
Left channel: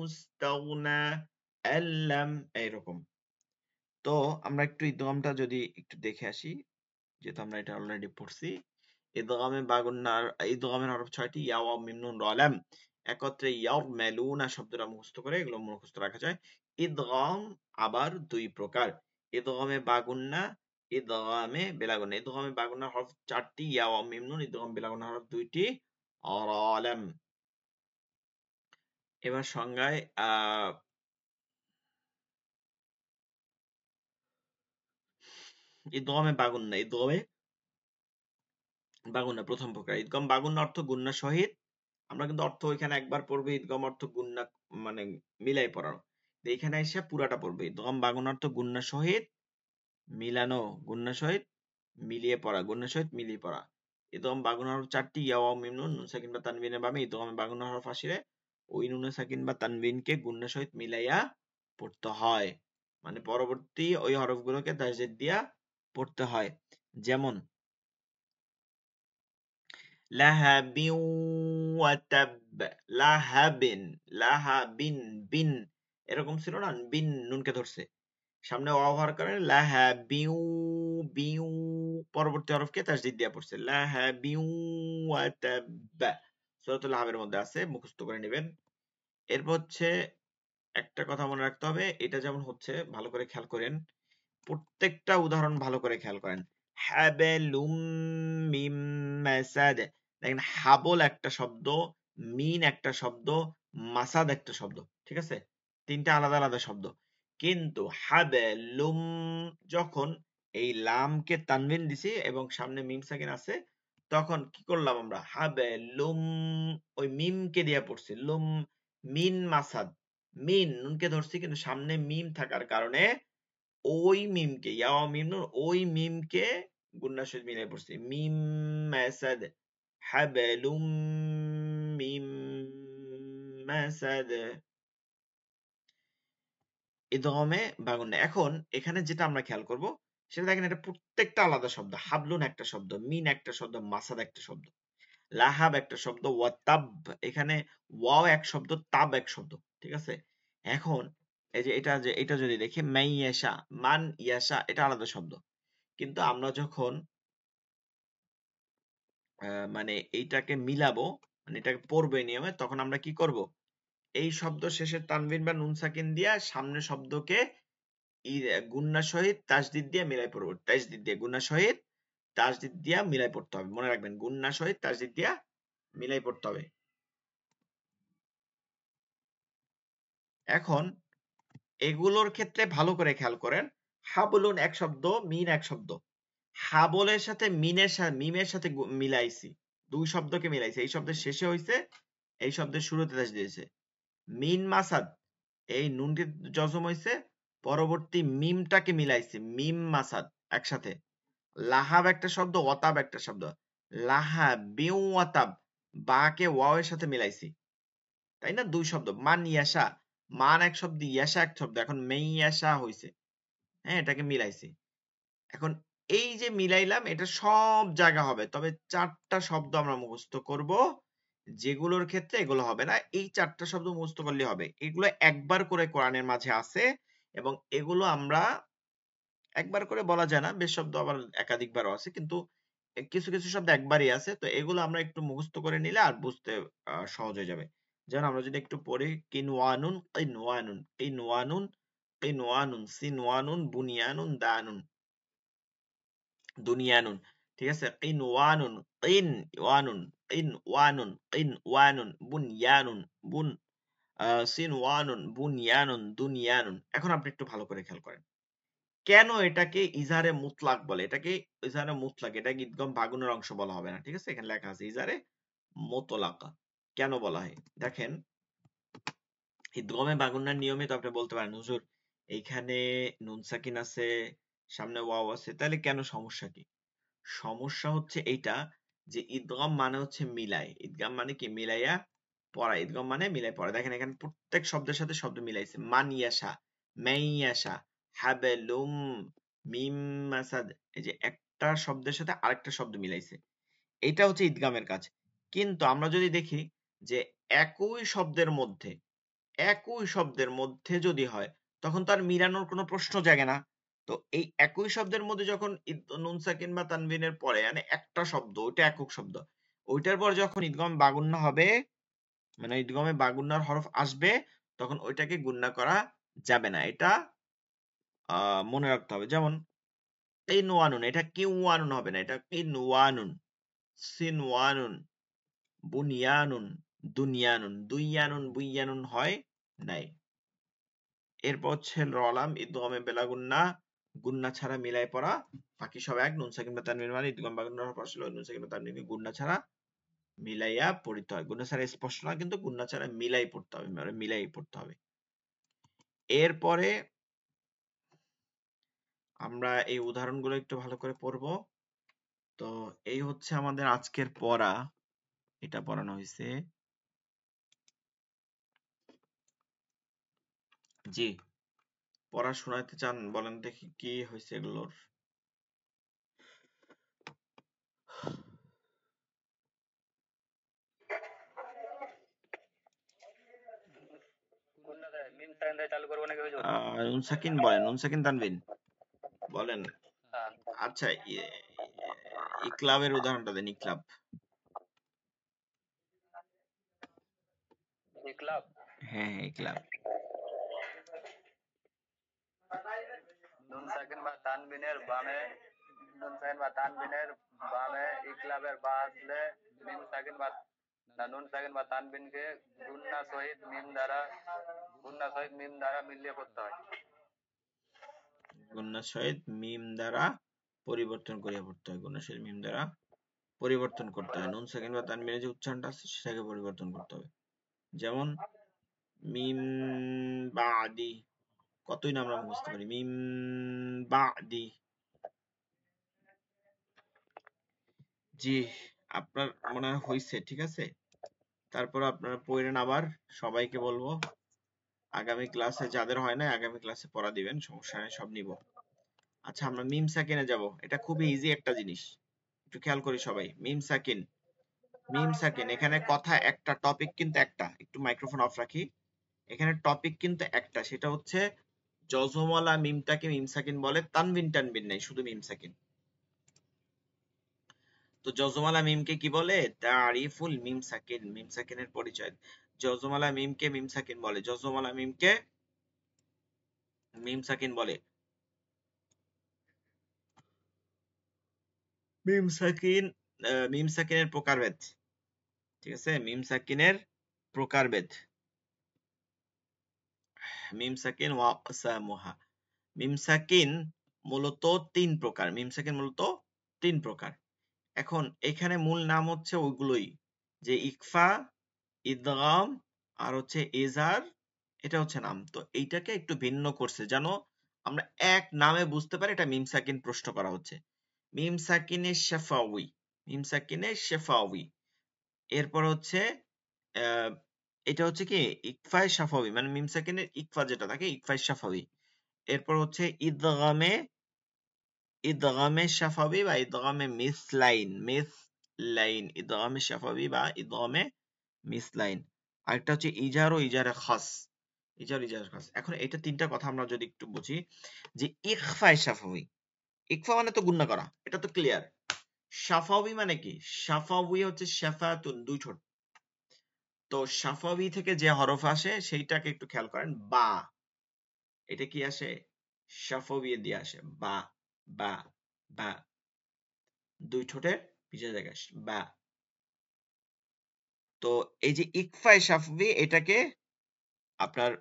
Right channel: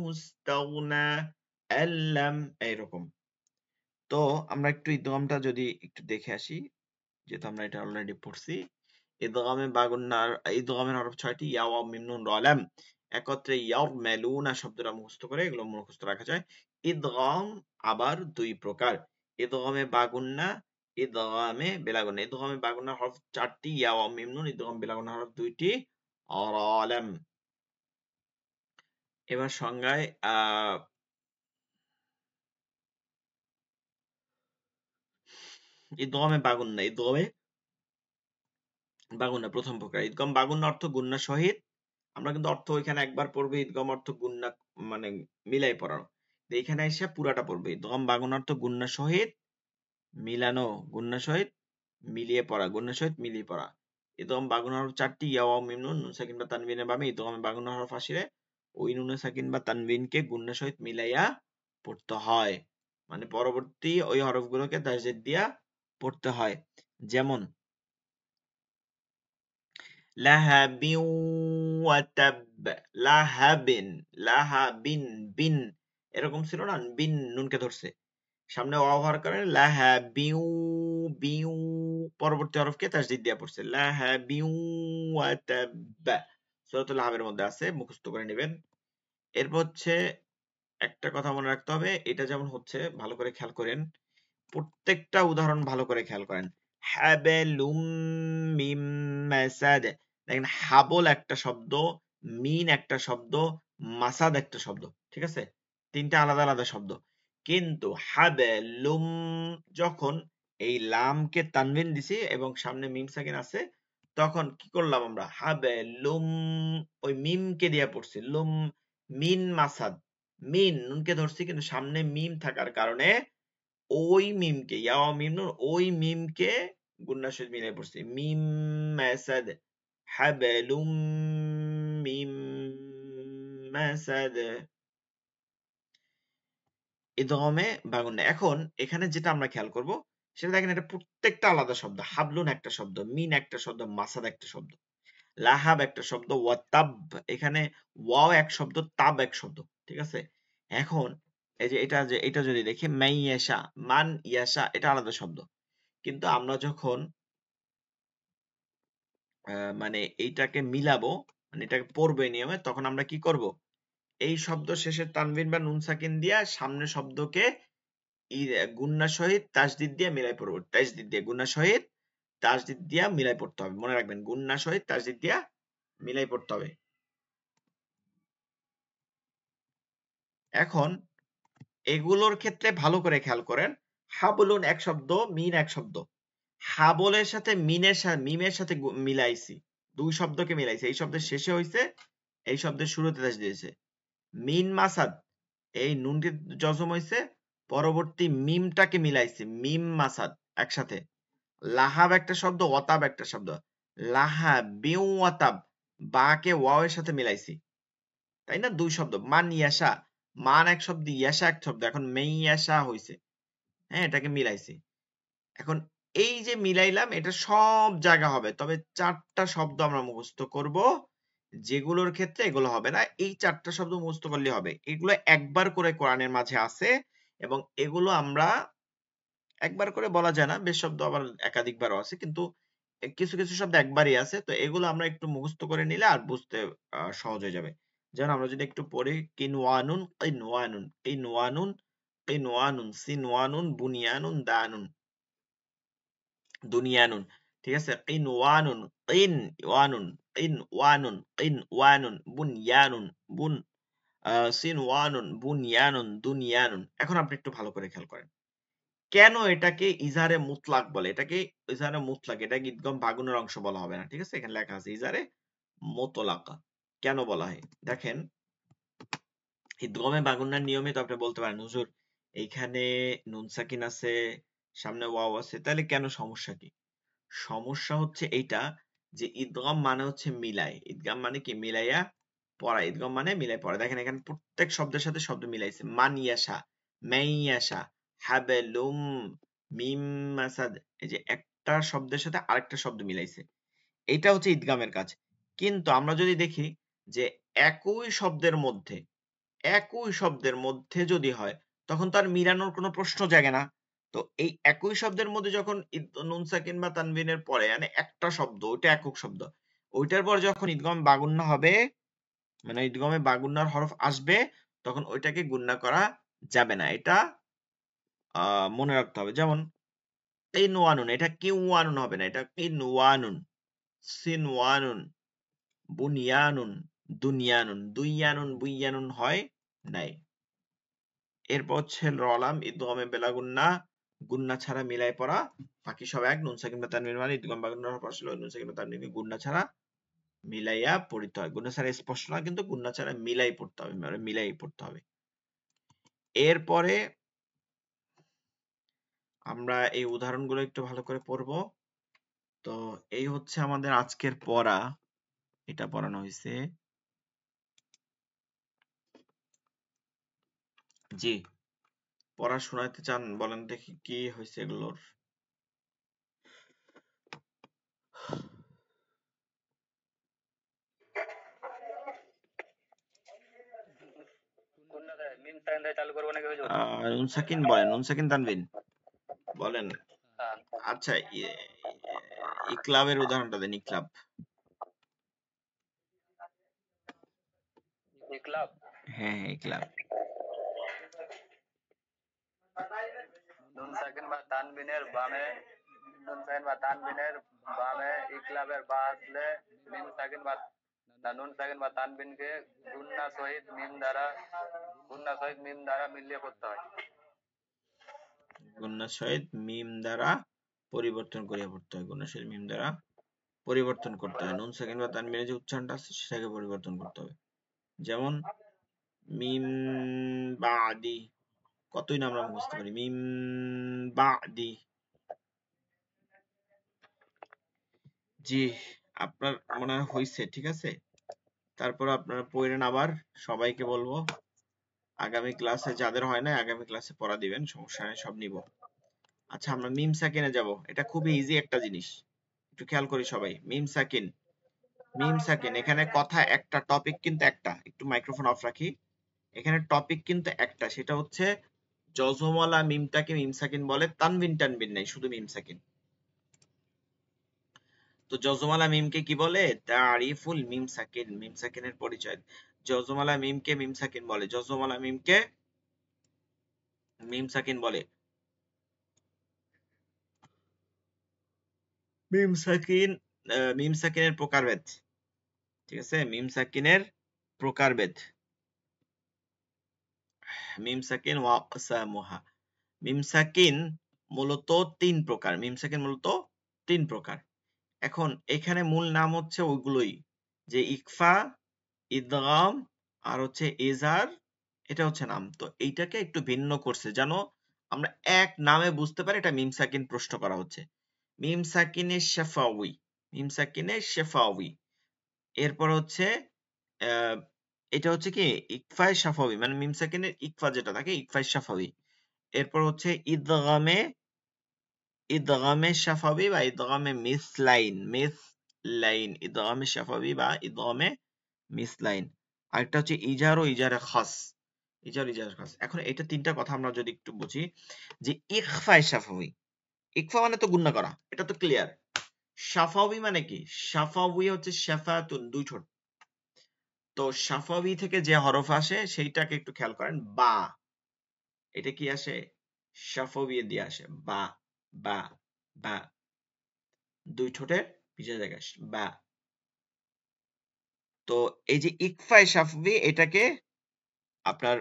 ইস্তাগনা, আল্লাম, এরকম। তো আমরা একটু ইদগামটা যদি একটু দেখে আসি, যেহেতু আমরা এটা অলরেডি পড়ছি। ইদগামে বা গুন্নার, ইদগামের হরফ 6টি, ইয়া ওয়া মিম নুন র লাম, একত্রে ইয়াউমালুনা শব্দটা মুখস্থ করে এগুলো মুখস্থ রাখা যায়। ইদগাম আবার দুই প্রকার, ইদগামে বা গুন্না, ইদগামে বিলা গুন্না। ইদগামে বা গুন্নার হরফ 4টি, ইয়া ওয়া মিম নুন, ইদগামে বিলা গুন্নার হরফ 2টি, র লাম। এবার সংজ্ঞায় ইদগামে বা গুন্না, ইদগামে বা গুন্না প্রথম প্রকার। ইদগাম বা গুন্না অর্থ গুন্নার সহিত, আমরা কিন্তু অর্থ এখানে একবার পড়বো, ইদগাম অর্থ গুন্না মানে মিলাই পড়ানো। তো এখানে এসে পুরোটা পড়বে, ইদগাম বা গুন্না অর্থ গুন্নার সহিত মিলানো, গুন্নার সহিত মিলিয়ে পড়া, গুন্নার সহিত মিলিয়ে পড়া। ইদগাম বা গুন্নার হরফ 4টি, ইয়া ওয়া মিম নুন, নুন সাকিন বা তানবিনের ভাবে ইদগাম বা গুন্নার হরফ আসে, ওই নুন সাকিন বা তানবিনকে গুন্নার সহিত মিলাইয়া পড়তে হয়, মানে পরবর্তী ওই হরফগুলোকে তাজদীদ দিয়া পড়তে হয়। যেমন লাহাবিন ওয়া তাব, লাহাবিন, লাহাবিন, বিন, এরকম ছিল না, বিন নুনকে ধরছে, সামনে ওয়াও হওয়ার কারণে লাহাবিউ, বিউ, পরবর্তী হরফকে তাজদীদ দিয়া পড়ছে, লাহাবিউ ওয়া তাব, সূরাতুল লাহাবের মধ্যে আছে, মুখস্থ করে নেবেন। এরপর হচ্ছে একটা কথা মনে রাখতে হবে, এটা যেমন হচ্ছে ভালো করে খেয়াল করেন, প্রত্যেকটা উদাহরণ ভালো করে খেয়াল করেন। হাবেলুম মিম মাসাদ, দেখেন হাবল একটা শব্দ, মিন একটা শব্দ, মাসাদ একটা শব্দ, ঠিক আছে, তিনটা আলাদা আলাদা শব্দ। কিন্তু হাবেলুম, যখন এই লামকে তানবিন দিছি এবং সামনে মিম সাকিন আছে, তখন কি করলাম আমরা, হাবেলুম, ওই মিমকে দিয়ে পড়ছি, লুম, মিন মাসাদ, মিন নুনকে ধরছি কিন্তু সামনে মিম থাকার কারণে ওই মিমকে ইয়ামিনুন ওই মিমকে গুণার সাথে মিলাই পড়ছি মিম মাসাদ হাবালুম মিম মাসাদ ইদগামে বাগুন। এখন এখানে যেটা আমরা খেয়াল করব সেটা দেখেন এটা প্রত্যেকটা আলাদা শব্দ। হাবলুন একটা শব্দ, মিন একটা শব্দ, মাসাদ একটা শব্দ, লাহাব একটা শব্দ, ওয়াতাব এখানে ওয়া এক শব্দ, তাব এক শব্দ। ঠিক আছে? এখন এই যে এটা যদি দেখি মান ইয়াশা, মান ইয়াশা এটা আলাদা শব্দ। কিন্তু আমরা যখন মানে এইটাকে মিলাবো, মানে এটাকে পড়বে নিয়মে, তখন আমরা কি করব? এই শব্দ শেষে তানবির বা নুন সাকিন দিয়ে সামনের শব্দকে গুণনার সহিত তাসদিদ দিয়ে মিলাই পড়বো। তাসদিদ দিয়ে গুণনার সহিত তাসদিদ দিয়ে মিলাই পড়তে হবে। মনে রাখবেন গুণনার সহিত তাসদিদ দিয়ে মিলাই পড়তে হবে। এখন এগুলোর ক্ষেত্রে ভালো করে খেয়াল করেন। হাবলুন এক শব্দ, মিন এক শব্দ। হাবলের সাথে মিমের সাথে মিলাইছি, দুই শব্দকে মিলাইছি। এই শব্দের শেষে হইছে, এই শব্দের শুরুতে দিয়েছে। মিন মাসাদ এই নুনটির জজম হইছে, পরবর্তী মিমটাকে মিলাইছে, মিম মাসাদ একসাথে। লাহাব একটা শব্দ, ওয়াতাব একটা শব্দ। লাহা বিউ ওয়াতাব বাকে ওয়াওয়ের সাথে মিলাইছি, তাই না? দুই শব্দ। মান ইয়াশা, মান এক শব্দ, ইয়াশা এক শব্দ। এখন মেই ইয়াশা হইছে, হ্যাঁ এটাকে মিলাইছি। এখন এই যে মিলাইলাম এটা সব জায়গা হবে, তবে চারটা শব্দ আমরা মুখস্থ করব, যেগুলোর ক্ষেত্রে এগুলো হবে না। এই চারটা শব্দ মুখস্থ করলে হবে। এগুলো একবার করে কোরআনের মাঝে আছে এবং এগুলো আমরা একবার করে বলা যায় না, বেশ শব্দ আবার একাধিকবার আছে, কিন্তু কিছু কিছু শব্দ একবারই আছে। তো এগুলো আমরা একটু মুখস্থ করে নিলে আর বুঝতে সহজ হয়ে যাবে। যেমন আমরা যদি একটু পড়ি কিনওয়ানুন কিনওয়ানুন কিনওয়ানুন কিনওয়ানুন সিনওয়ানুন বুনিয়ানুন দানুন দুনিয়ানুন। ঠিক আছে? কিনওয়ানুন কিনওয়ানুন কিনওয়ানুন কিনওয়ানুন বুনিয়ানুন বুন সিনওয়ানুন বুনিয়ানুন দুনিয়ানুন। এখন আপনি একটু ভালো করে খেয়াল করেন কেন এটাকে ইজারে মুতলাক বলে। এটাকে ইজারে মুতলাক, এটাকে একদম বাগুনের অংশ বলা হবে না। ঠিক আছে? এখানে লেখা আছে ইজারে মুতলাকা। কেন বলা হয় দেখেন, ইদগামে বাগুনের নিয়মে তো আপনি বলতে পারেন হুজুর এইখানে নুন সাকিন আছে, সামনে ওয়াও আছে, তাহলে কেন সমস্যা কি? সমস্যা হচ্ছে এইটা যে ইদগাম মানে হচ্ছে মিলাই। ইদগাম মানে কি? মিলাইয়া পড়া। ইদগাম মানে মিলাই পড়া। দেখেন এখানে প্রত্যেক শব্দের সাথে শব্দ মিলাইছে। মান ইয়াশা, মাইয়াশা, হাবালুম, মিম মাসাদ, এই যে একটা শব্দের সাথে আরেকটা শব্দ মিলাইছে। এইটা হচ্ছে ইদগামের কাজ। কিন্তু আমরা যদি দেখি যে একই শব্দের মধ্যে যদি হয় তখন তার মিলানোর কোনো প্রশ্ন জাগে না। তো এই একই শব্দের মধ্যে যখন নুন সাকিন বা তানবিনের পরে মানে একটা শব্দ, ওইটা একক শব্দ, ওইটার পরে যখন ইদগামে বাগুন্না হবে, মানে ইদগামে বাগুন্নার হরফ আসবে, তখন ওইটাকে গুণনা করা যাবে না। এটা মনে রাখতে হবে। যেমন কিনওয়ানুন, এটা কিওয়ানুন হবে না, এটা কিনওয়ানুন। সিনওয়ানুন, বুনিয়ানুন, দুনিয়ানুন, দুইয়ানুন, বুইয়ানুন হয় নাই। এরপর হচ্ছে রলাম ইদগামে বেলা গুন্না, গুন্না ছাড়া মিলাই পড়া, বাকি সব এক। নুন সাকিন বা তানবিন মানে ইদগামে বাগুন্নার হরফ আসলে নুন সাকিন বা তানবিনকে গুন্না ছাড়া মিলাইয়া পড়তে হবে। গুন্না ছাড়া স্পষ্ট না, কিন্তু গুন্না ছাড়া মিলাই পড়তে হবে, মানে মিলাই পড়তে হবে। এরপরে আমরা এই উদাহরণগুলো একটু ভালো করে পড়ব। তো এই হচ্ছে আমাদের আজকের পড়া, এটা পড়ানো হয়েছে। জি, পড়া শোনাতে চান? বলেন দেখি কি হয়েছে এগুলোর। নুন সাকিন বলেন, নুন সাকিন তানবিন বলেন। আচ্ছা, ইকলাবের উদাহরণটা দেন। ইকলাব, ইকলাব হ্যাঁ ইকলাব। নুন সাকিন বা তানবিনের বামে, নুন সাকিন বা তানবিনের বামে ইকলাবের বা আসলে নুন সাকিন বা তানবিনকে গুণনা সহিত মিলিয়ে পড়তে হয়। গুণনা সহিত মিম দ্বারা পরিবর্তন করে পড়তে হয়। গুণনা সহিত মিম দ্বারা পরিবর্তন করতে হয়। নুন সাকিন বা তানবিনের যে উচ্চারণটা আছে সেটাকে পরিবর্তন করতে হবে। যেমন মিন বাদি, কতদিন আমরা মুখস্থ করি মিন বাদি। জি, আপনার মনে হয় হয়েছে, ঠিক আছে। তারপর আপনারা পড়েন, আবার সবাইকে বলবো আগামী ক্লাসে যাদের হয় না আগামী ক্লাসে পড়া দিবেন, সমস্যা নাই, সব নিব। আচ্ছা, আমরা মিম সাকিনে যাব। এটা খুবই ইজি একটা জিনিস, একটু খেয়াল করি সবাই। মিম সাকিন, মিম সাকিন, এখানে কথা একটা, টপিক কিন্তু একটা। একটু মাইক্রোফোন অফ রাখি। এখানে টপিক কিন্তু একটা, সেটা হচ্ছে জজমওয়ালা মিমটাকে মিম সাকিন বলে, তানবিন টানবিন নাই, শুধু মিম সাকিন। তো জজমওয়ালা মিমকে কি বলে? তারিফুল মিম সাকিন, মিম সাকিনের পরিচয়। জজমওয়ালা মিমকে মিম সাকিন বলে, জজমওয়ালা মিমকে মিম সাকিন বলে। মিম সাকিন, মিম সাকিনের প্রকারভেদ, ঠিক আছে। মিম সাকিনের প্রকারভেদ, মিম সাকিন ওয়া আকসামুহা। মিম সাকিন মূলত তিন প্রকার, মিম সাকিন মূলত তিন প্রকার। এখন এখানে মূল নাম হচ্ছে ওগুলোই, যে ইকফা, ইদগাম আর হচ্ছে ইজহার, এটা হচ্ছে নাম। তো এইটাকে একটু ভিন্ন করছে, জানো আমরা এক নামে বুঝতে পারি এটা মিম সাকিন প্রশ্ন করা হচ্ছে। মিম সাকিনে শাফাউই, মিম সাকিনে শাফাউই। এরপর হচ্ছে এটা হচ্ছে কি ইকফায়ে শাফাউই, মানে মিম সাকিনের ইকফা যেটা থাকে ইকফায়ে শাফাউই। এরপর হচ্ছে ইদগামে, ইদগামে শাফাউই বা ইদগামে মিসলাইন, মিসলাইন, ইদগামে শাফাউই বা ইদগামে মিসলাইন। আর এটা হচ্ছে ইজার ও ইজারে খাস, ইজার ও ইজারে খাস। এখন এটা তিনটা কথা আমরা যদি একটু বুঝি, যে ইকফায়ে শাফাউই, ইকফা মানে তো গুণনা করা, এটা তো ক্লিয়ার। শাফাউই মানে কি? শাফাউই হচ্ছে শাফাতুন, দুই ঠোঁট। তো শাফাউই থেকে যে হরফ আসে সেইটাকে একটু খেয়াল করেন, বা, এটা কি আসে? শাফাউই দিয়ে আসে, বা, বা, বা, দুই ঠোঁটের পিছের জায়গা, বা। তো এই যে ইকফায়ে শাফাউই, এটাকে আপনার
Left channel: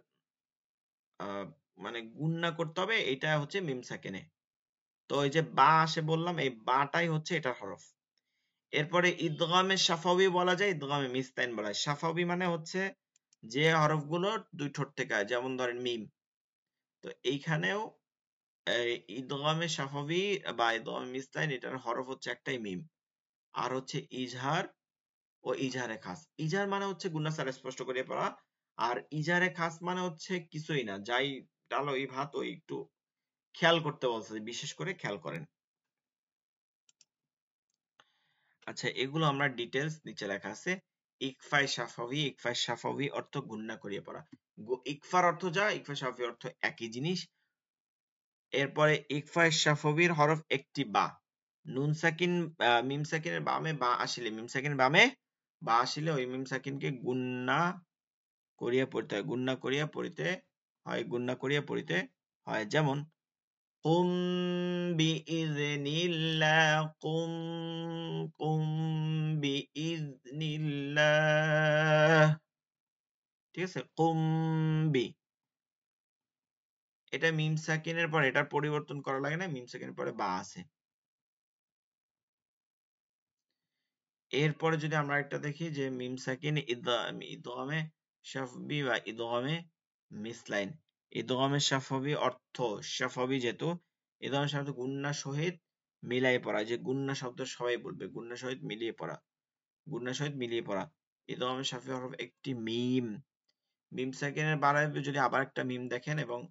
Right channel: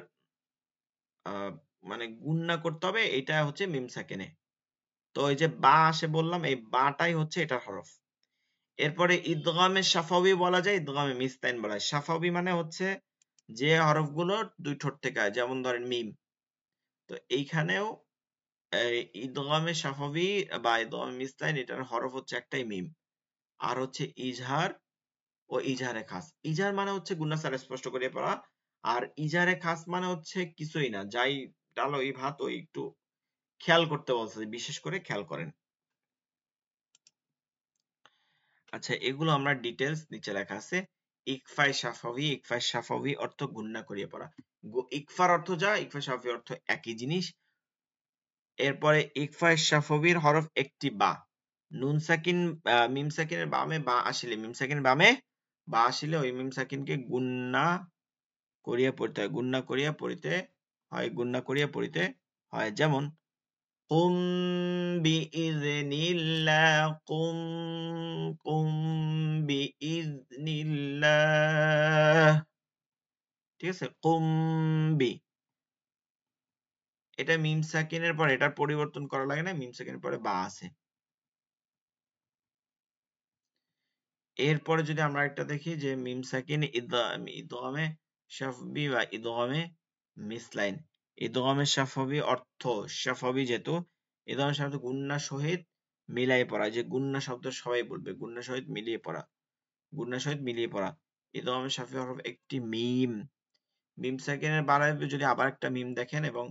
মানে গুণনা করতে হবে, এটা হচ্ছে মিম সাকিনে। তো এই যে বা আসে বললাম, এই বাটাই হচ্ছে এটার হরফ। এরপরে ইদগামে শাফাউই বলা যায়, ইদগামে মিসলাইন বলা যায়। শাফাউই মানে হচ্ছে যে হরফগুলো দুই ঠোঁট থেকে হয়, যেমন ধরেন মিম। তো এইখানেও ইদগামে শাফাউই বা ইদগামে মিসলাইন, এটার হরফ হচ্ছে একটাই মিম। আর হচ্ছে ইজহার ও ইজহারে খাস। ইজহার মানে হচ্ছে গুণনা ছাড়া স্পষ্ট করে পড়া, আর ইজহারে খাস মানে হচ্ছে কিছুই না, যাই তার ওই ভাত ওই একটু খেয়াল করতে বলছে, বিশেষ করে খেয়াল করেন। আচ্ছা, এগুলো আমরা ডিটেইলস নিচে লেখা আছে। ইকফায়ে শাফাউই, ইকফায়ে শাফাউই অর্থ গুণনা করিয়ে পড়া। ইকফার অর্থ যা, ইকফায়ে শাফাউই অর্থ একই জিনিস। এরপরে ইকফায়ে শাফাউইর হরফ একটি বা। নুন সাকিন, মিম সাকিনের বামে বা আসলে, মিম সাকিন বামে বা আসলে ওই মিম সাকিনকে গুণনা করিয়ে পড়তে হয়, গুণনা করিয়ে পড়তে হয়, গুণনা করিয়ে পড়তে হয়। যেমন কুম বিইযনিল্লাহ, কুম, কুম বিইযনিল্লাহ, ঠিক আছে। কুম বি, এটা মিম সাকিনের পরে এটা পরিবর্তন করা লাগে না, মিম সাকিনের পরে বা আছে। এরপরে যদি আমরা একটা দেখি যে মিম সাকিন ইদগামে শাফবি বা ইদগামে মিসলাইন। ইদগামে শাফবি অর্থ, শাফবি যেহেতু, ইদগামে শাফবি গুণনা সহিত মিলাই পড়া, যে গুণনা শব্দের সবাই বলবে, গুণনা সহিত মিলিয়ে পড়া, গুণনা সহিত মিলিয়ে পড়া। ইদগামে শাফবি হরফ একটি মিম। মিম সাকিনের বারে যদি আবার একটা মিম দেখেন এবং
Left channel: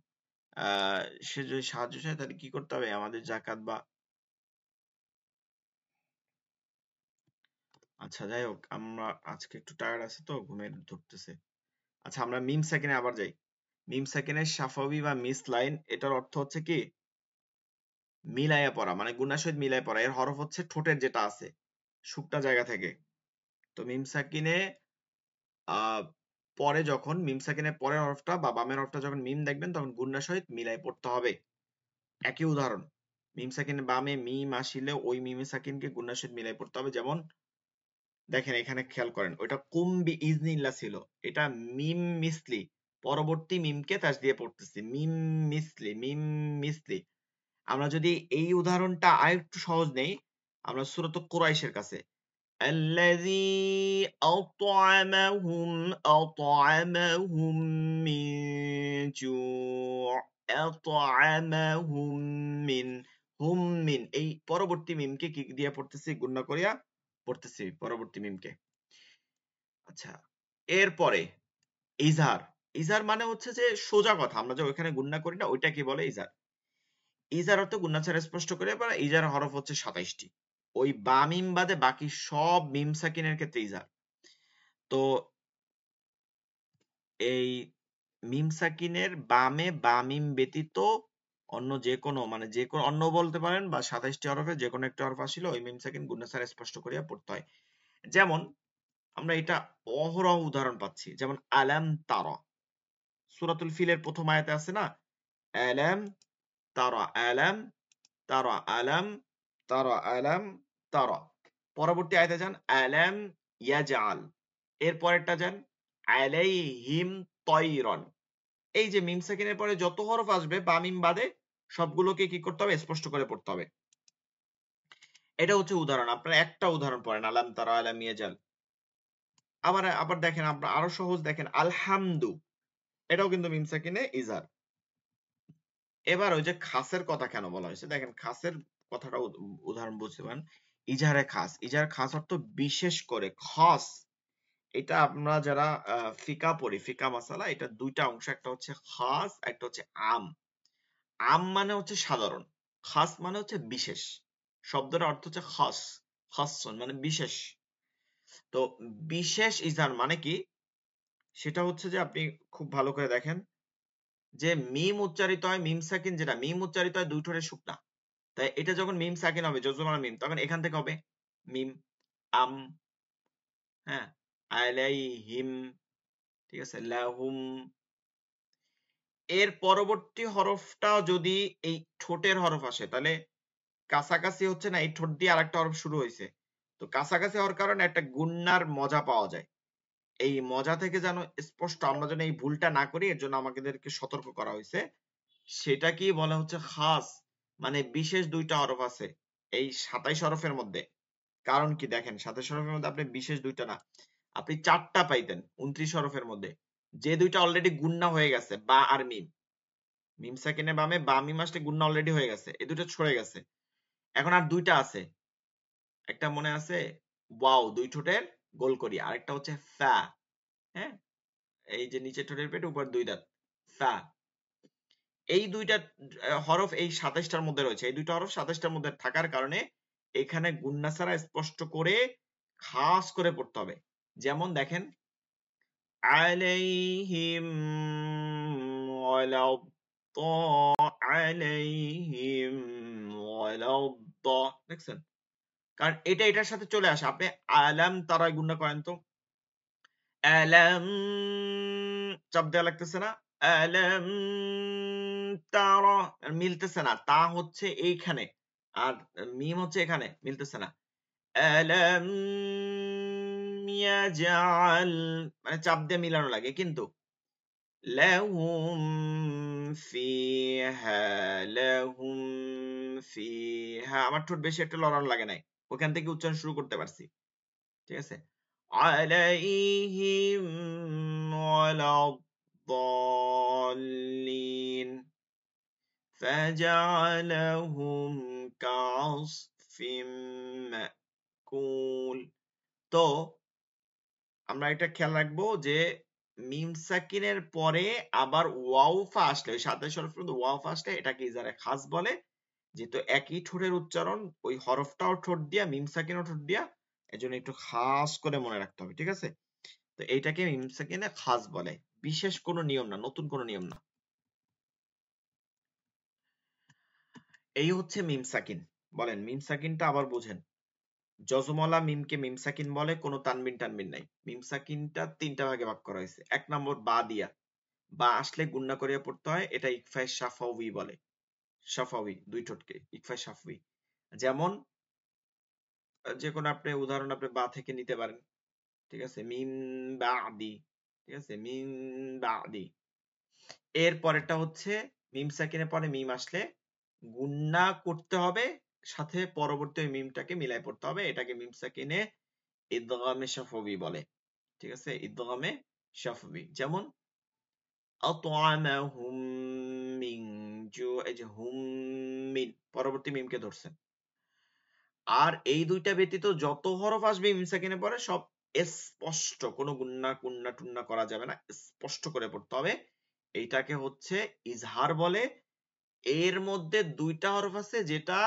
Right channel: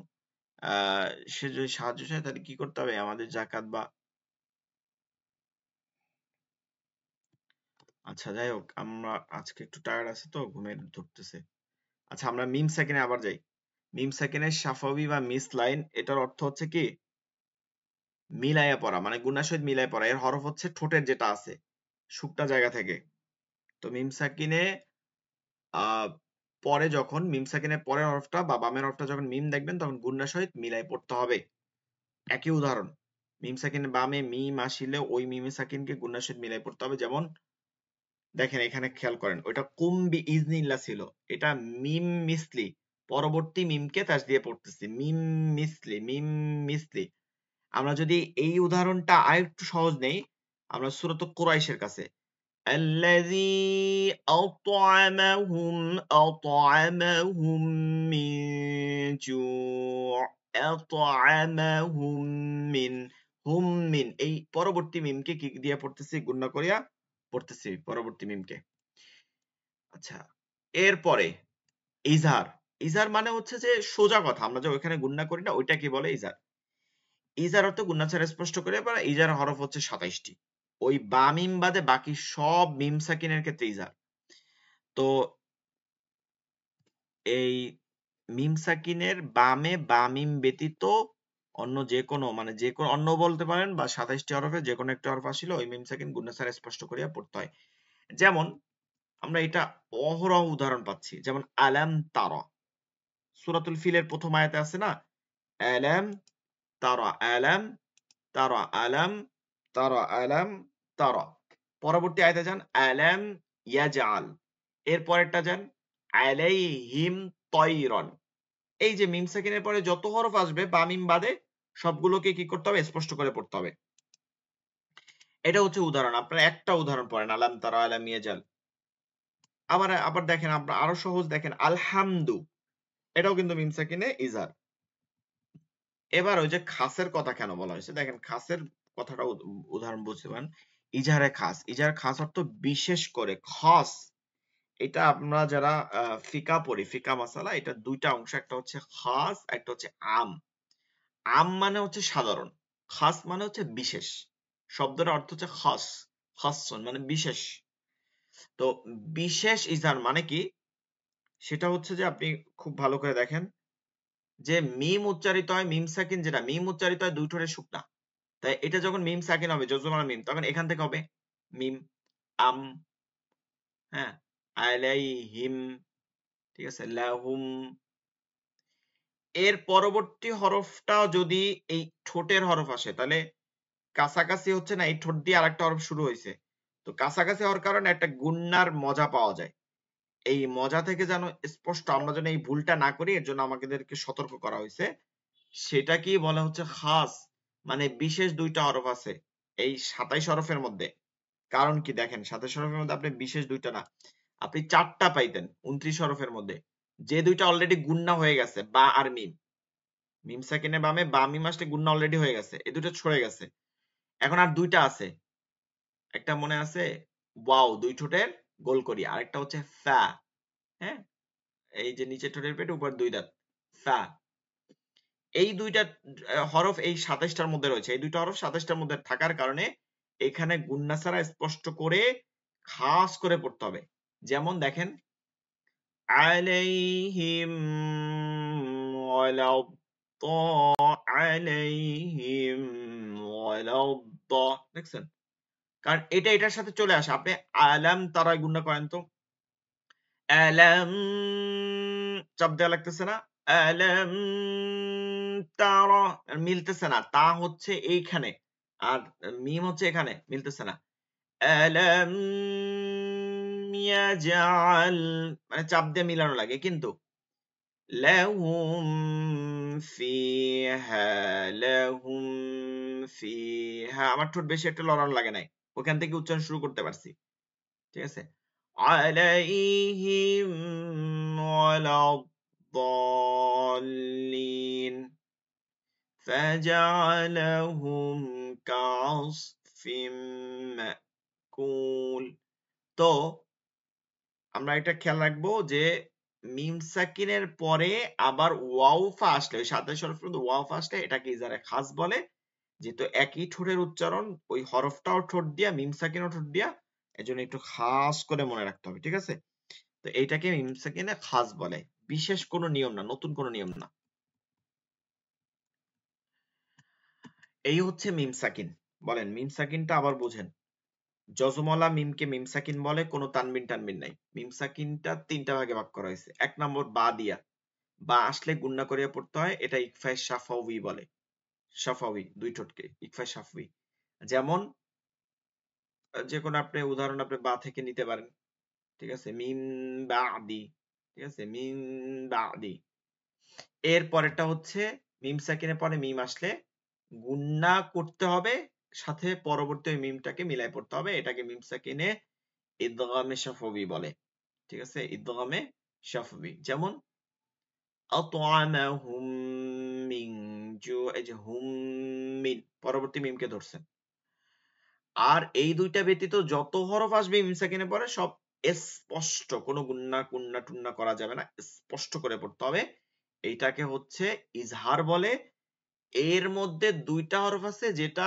সে যদি সাহায্য চায়, তাহলে কি করতে হবে? আমাদের জাকাত বা, আচ্ছা যাই হোক, আমরা আজকে একটু টায়ার্ড আছি তো ঘুমিয়ে ধরতেছে। আচ্ছা, আমরা মিম সাকিনে আবার যাই। মিম সাকিনের শাফাউই বা মিসলাইন, এটার অর্থ হচ্ছে কি মিলায়ে পড়া, মানে গুণার সাথে মিলায়ে পড়া। এর হরফ হচ্ছে ঠোঁটের যেটা আছে শুকটা জায়গা থেকে। তো মিম সাকিনে পরে যখন মিম সাকিনের পরের হরফটা বা বামের হরফটা যখন মিম দেখবেন, তখন গুণার সহিত মিলায়ে পড়তে হবে। একই উদাহরণ, মিম সাকিনের বামে মিম আসলে ওই মিম সাকিনকে গুণার সহিত মিলায়ে পড়তে হবে। যেমন দেখেন এখানে খেয়াল করেন, ওটা কুম বিইজনিল্লাহ ছিল, এটা মিম মিসলি, পরবর্তী মিমকে তাস দিয়ে পড়তেছি, মিম মিসলি, মিম মিসলি। আমরা যদি এই উদাহরণটা আরেকটু সহজ নেই, আমরা সূরাতুল কুরাইশের কাছে, الذي أطعمهم من جوع أطعمهم من হুম মিন এই পরবর্তী মিমকে কি দিয়ে পড়তেছি গুণনা করিয়া পড়তেছি পরবর্তী মিমকে। আচ্ছা এরপরে ইজার ইজার মানে হচ্ছে যে সোজা কথা আমরা যে ওখানে গুণনা করি না ওইটাকে বলে ইজার। ইজার অর্থ গুণনা ছাড়া স্পষ্ট করে বা ইজার হরফ হচ্ছে 27টি। ওই বা মিম বাদে বাকি সব মিম সাকিনের ক্ষেত্রে ইজার। তো এই মিম সাকিনের বামে বা মিম ব্যতীত অন্য যে কোনো মানে যে কোনো অন্য বলতে পারেন বা 27টি হরফে যে কোনো একটা হরফ আসলে ওই মিম সাকিন গুণনা ছাড়া স্পষ্ট করে পড়তে হয়। যেমন আমরা এটা অহরহ উদাহরণ পাচ্ছি, যেমন আলাম তারা সূরাতুল ফিলের প্রথম আয়াতে আছে না, আলাম তারা আলাম তারা আলাম তারা আলাম তারা। পরবর্তী আয়াতে যান আলাম ইয়াজআল, এর পরেরটা যান আলাইহিম তায়রান। এই যে মিম সাকিনের পরে যত হরফ আসবে বা মিম বাদে সবগুলোকে কি করতে হবে স্পষ্ট করে পড়তে হবে। এটা হচ্ছে উদাহরণ। আপনারা একটা উদাহরণ পড়েন আলাম তারা আলাম ইয়াজআল। আবার দেখেন আমরা আরো সহজ দেখেন আলহামদু, এটাও কিন্তু মিম সাকিনে ইজার। এবার ওই যে খাসের কথা কেন বলা হয়েছে দেখেন, খাসের কথাটা উদাহরণ বুঝতে পারেন। ইজারে খাস, ইজারে খাস অর্থ বিশেষ করে খাস। এটা আমরা যারা ফিকা পড়ি, ফিকা মাসালা, এটা দুইটা অংশ, একটা হচ্ছে খাস একটা হচ্ছে আম। আম মানে হচ্ছে সাধারণ, খাস মানে হচ্ছে বিশেষ। শব্দের অর্থ হচ্ছে খাস, খাস মানে বিশেষ। তো বিশেষ ইজার মানে কি সেটা হচ্ছে যে আপনি খুব ভালো করে দেখেন যে মিম উচ্চারিত হয়, মিম সাকিন যেটা মিম উচ্চারিত হয় দুই ঠোঁটের শুকনা। তাই এটা যখন মিম সাকিন হবে জজমার মিম, তখন এখান থেকে হবে মিম আম, হ্যাঁ আলাইহিম, ঠিক আছে লাহুম। এর পরবর্তী হরফটা যদি এই ঠোঁটের হরফ আসে তাহলে কাছাকাছি হচ্ছে না, এই ঠোঁট দিয়ে আরেকটা হরফ শুরু হয়েছে, তো কাছাকাছি হওয়ার কারণে একটা গুণনার মজা পাওয়া যায়। এই মজা থেকে যেন স্পষ্ট আমরা যেন এই ভুলটা না করি এর জন্য আমাদেরকে সতর্ক করা হয়েছে। সেটা কি বলা হচ্ছে খাস, মানে বিশেষ দুইটা হরফ আছে এই 27 হরফের মধ্যে। কারণ কি দেখেন 27 হরফের মধ্যে আপনি বিশেষ দুইটা না, আপনি চারটা পাইতেন 29 হরফের মধ্যে, যে দুইটা অলরেডি গুণনা হয়ে গেছে বা আর মিম। মিম সাকিনের বামে বা মিম আসলে গুণনা অলরেডি হয়ে গেছে, এই দুটো হয়ে গেছে। এখন আর দুইটা আছে, একটা মনে আছে ওয়াও দুই ঠোঁটের গোল করি, আরেকটা হচ্ছে ফা, হ্যাঁ এই যে নিচে ঠোঁটের পেট উপর দুই দাঁত ফা। এই দুইটা হরফ এই 27টার মধ্যে রয়েছে, এই দুইটা হরফ 27টার মধ্যে থাকার কারণে এখানে গুণনা ছাড়া স্পষ্ট করে খাস করে পড়তে হবে। যেমন দেখেন আলাইহিম ওয়ালাদ আলাইহিম ওয়ালাদ, দেখছেন? কারণ এটা এটার সাথে চলে আসে। আপনি আলাম তারা গুণনা করেন তো, আলাম চাপ দেওয়া লাগতেছে না, আলাম তারা মিলতেছে না, তা হচ্ছে এইখানে আর মিম হচ্ছে এখানে, মিলতেছে না। আলাম ইয়াজআল মানে চাপ দিয়ে মিলানো লাগে, কিন্তু লাহুম ফিহা আমার ঠোঁট বেশি একটা লড়ানো লাগে নাই, ওখান থেকে উচ্চারণ শুরু করতে পারছি, ঠিক আছে। আলাইহিম ওয়ালাদ-দাল্লিন ফাজআলাহুম কাআসফিম মাকুল। তো আমরা এটা খেয়াল রাখবো যে মিম সাকিনের পরে আবার ওয়াও ফা আসে, সাথে সাথে ওয়াও ফা আসে, এটাকে ইজারে খাস বলে। যেহেতু একই ঠোঁটের উচ্চারণ, ওই হরফটাও ঠোঁট দিয়া মিম সাকিনও ঠোঁট দিয়া, এজন্য একটু খাস করে মনে রাখতে হবে, ঠিক আছে। তো এইটাকে মিম সাকিনে খাস বলে, বিশেষ কোনো নিয়ম না, নতুন কোনো নিয়ম না। এই হচ্ছে মিম সাকিন। বলেন মিম সাকিনটা আবার বুঝেন। জজমওয়ালা মিমকে মিম সাকিন বলে, কোনো তানবিন টানবিন নাই। মিম সাকিনটা তিনটা ভাগে ভাগ করা হয়েছে। এক নম্বর বা দিয়া, বা আসলে গুণনা করে পড়তে হয়, এটা ইকফায়ে শাফাউই বলে। শাফাউই দুই ঠোঁটে ইকফায়ে শাফাউই। যেমন যে কোনো আপনি উদাহরণ আপনি বা থেকে নিতে পারেন, ঠিক আছে। মিন বাদি, ঠিক আছে, মিন বাদি। এর পরেরটা হচ্ছে মিম সাকিনের পরে মিম আসলে গুণনা করতে হবে, সাথে পরবর্তী মিমটাকে মিলায় পড়তে হবে, এটাকে মিম সাকিনে ইদগামে শাফবি বলে, ঠিক আছে, ইদগামে শাফবি। যেমন আতআমাহুম মিন জু'হুম মিন, পরবর্তী মিমকে ধরছেন। আর এই দুইটা ব্যতীত যত হরফ আসবে মিম সাকিনের পরে সব স্পষ্ট, কোনো গুন্না টুন্না করা যাবে না, স্পষ্ট করে পড়তে হবে। এইটাকে হচ্ছে ইজহার বলে। এর মধ্যে দুইটা হরফ আছে যেটা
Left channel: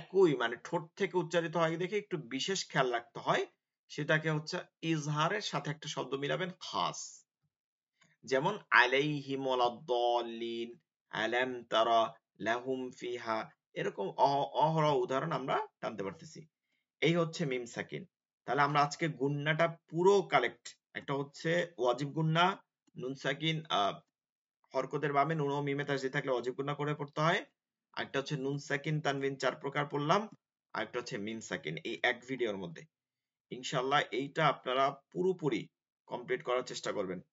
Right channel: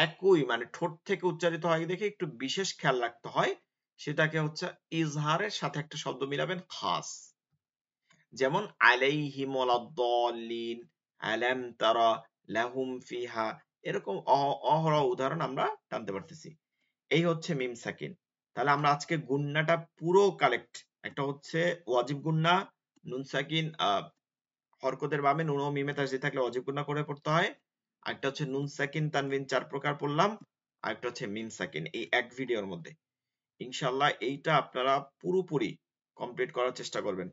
একই, মানে ঠোঁট থেকে উচ্চারিত হয় দেখে একটু বিশেষ খেয়াল রাখতে হয়, সেটাকে হচ্ছে ইজহারের সাথে একটা শব্দ মিলাবেন, খাস। যেমন আলাইহিম ওয়ালাদ-দাল্লিন, আলাম তারা লাহুম ফিহা, এরকম অহরহ উদাহরণ আমরা টানতে পারতেছি। এই হচ্ছে মিম সাকিন। তাহলে আমরা আজকে গুন্নাটা পুরো কালেক্ট, একটা হচ্ছে ওয়াজিব গুন্না, নুন সাকিন হরফের ভাবে নুন মিমে তাজদিদ থাকলে ওয়াজিব গুন্না করে পড়তে হয়। আরেকটা হচ্ছে নুন সাকিন তানবিন চার প্রকার পড়লাম, আরেকটা হচ্ছে মিম সাকিন, এই এক ভিডিওর মধ্যে। ইনশাআল্লাহ এইটা আপনারা পুরোপুরি কমপ্লিট করার চেষ্টা করবেন।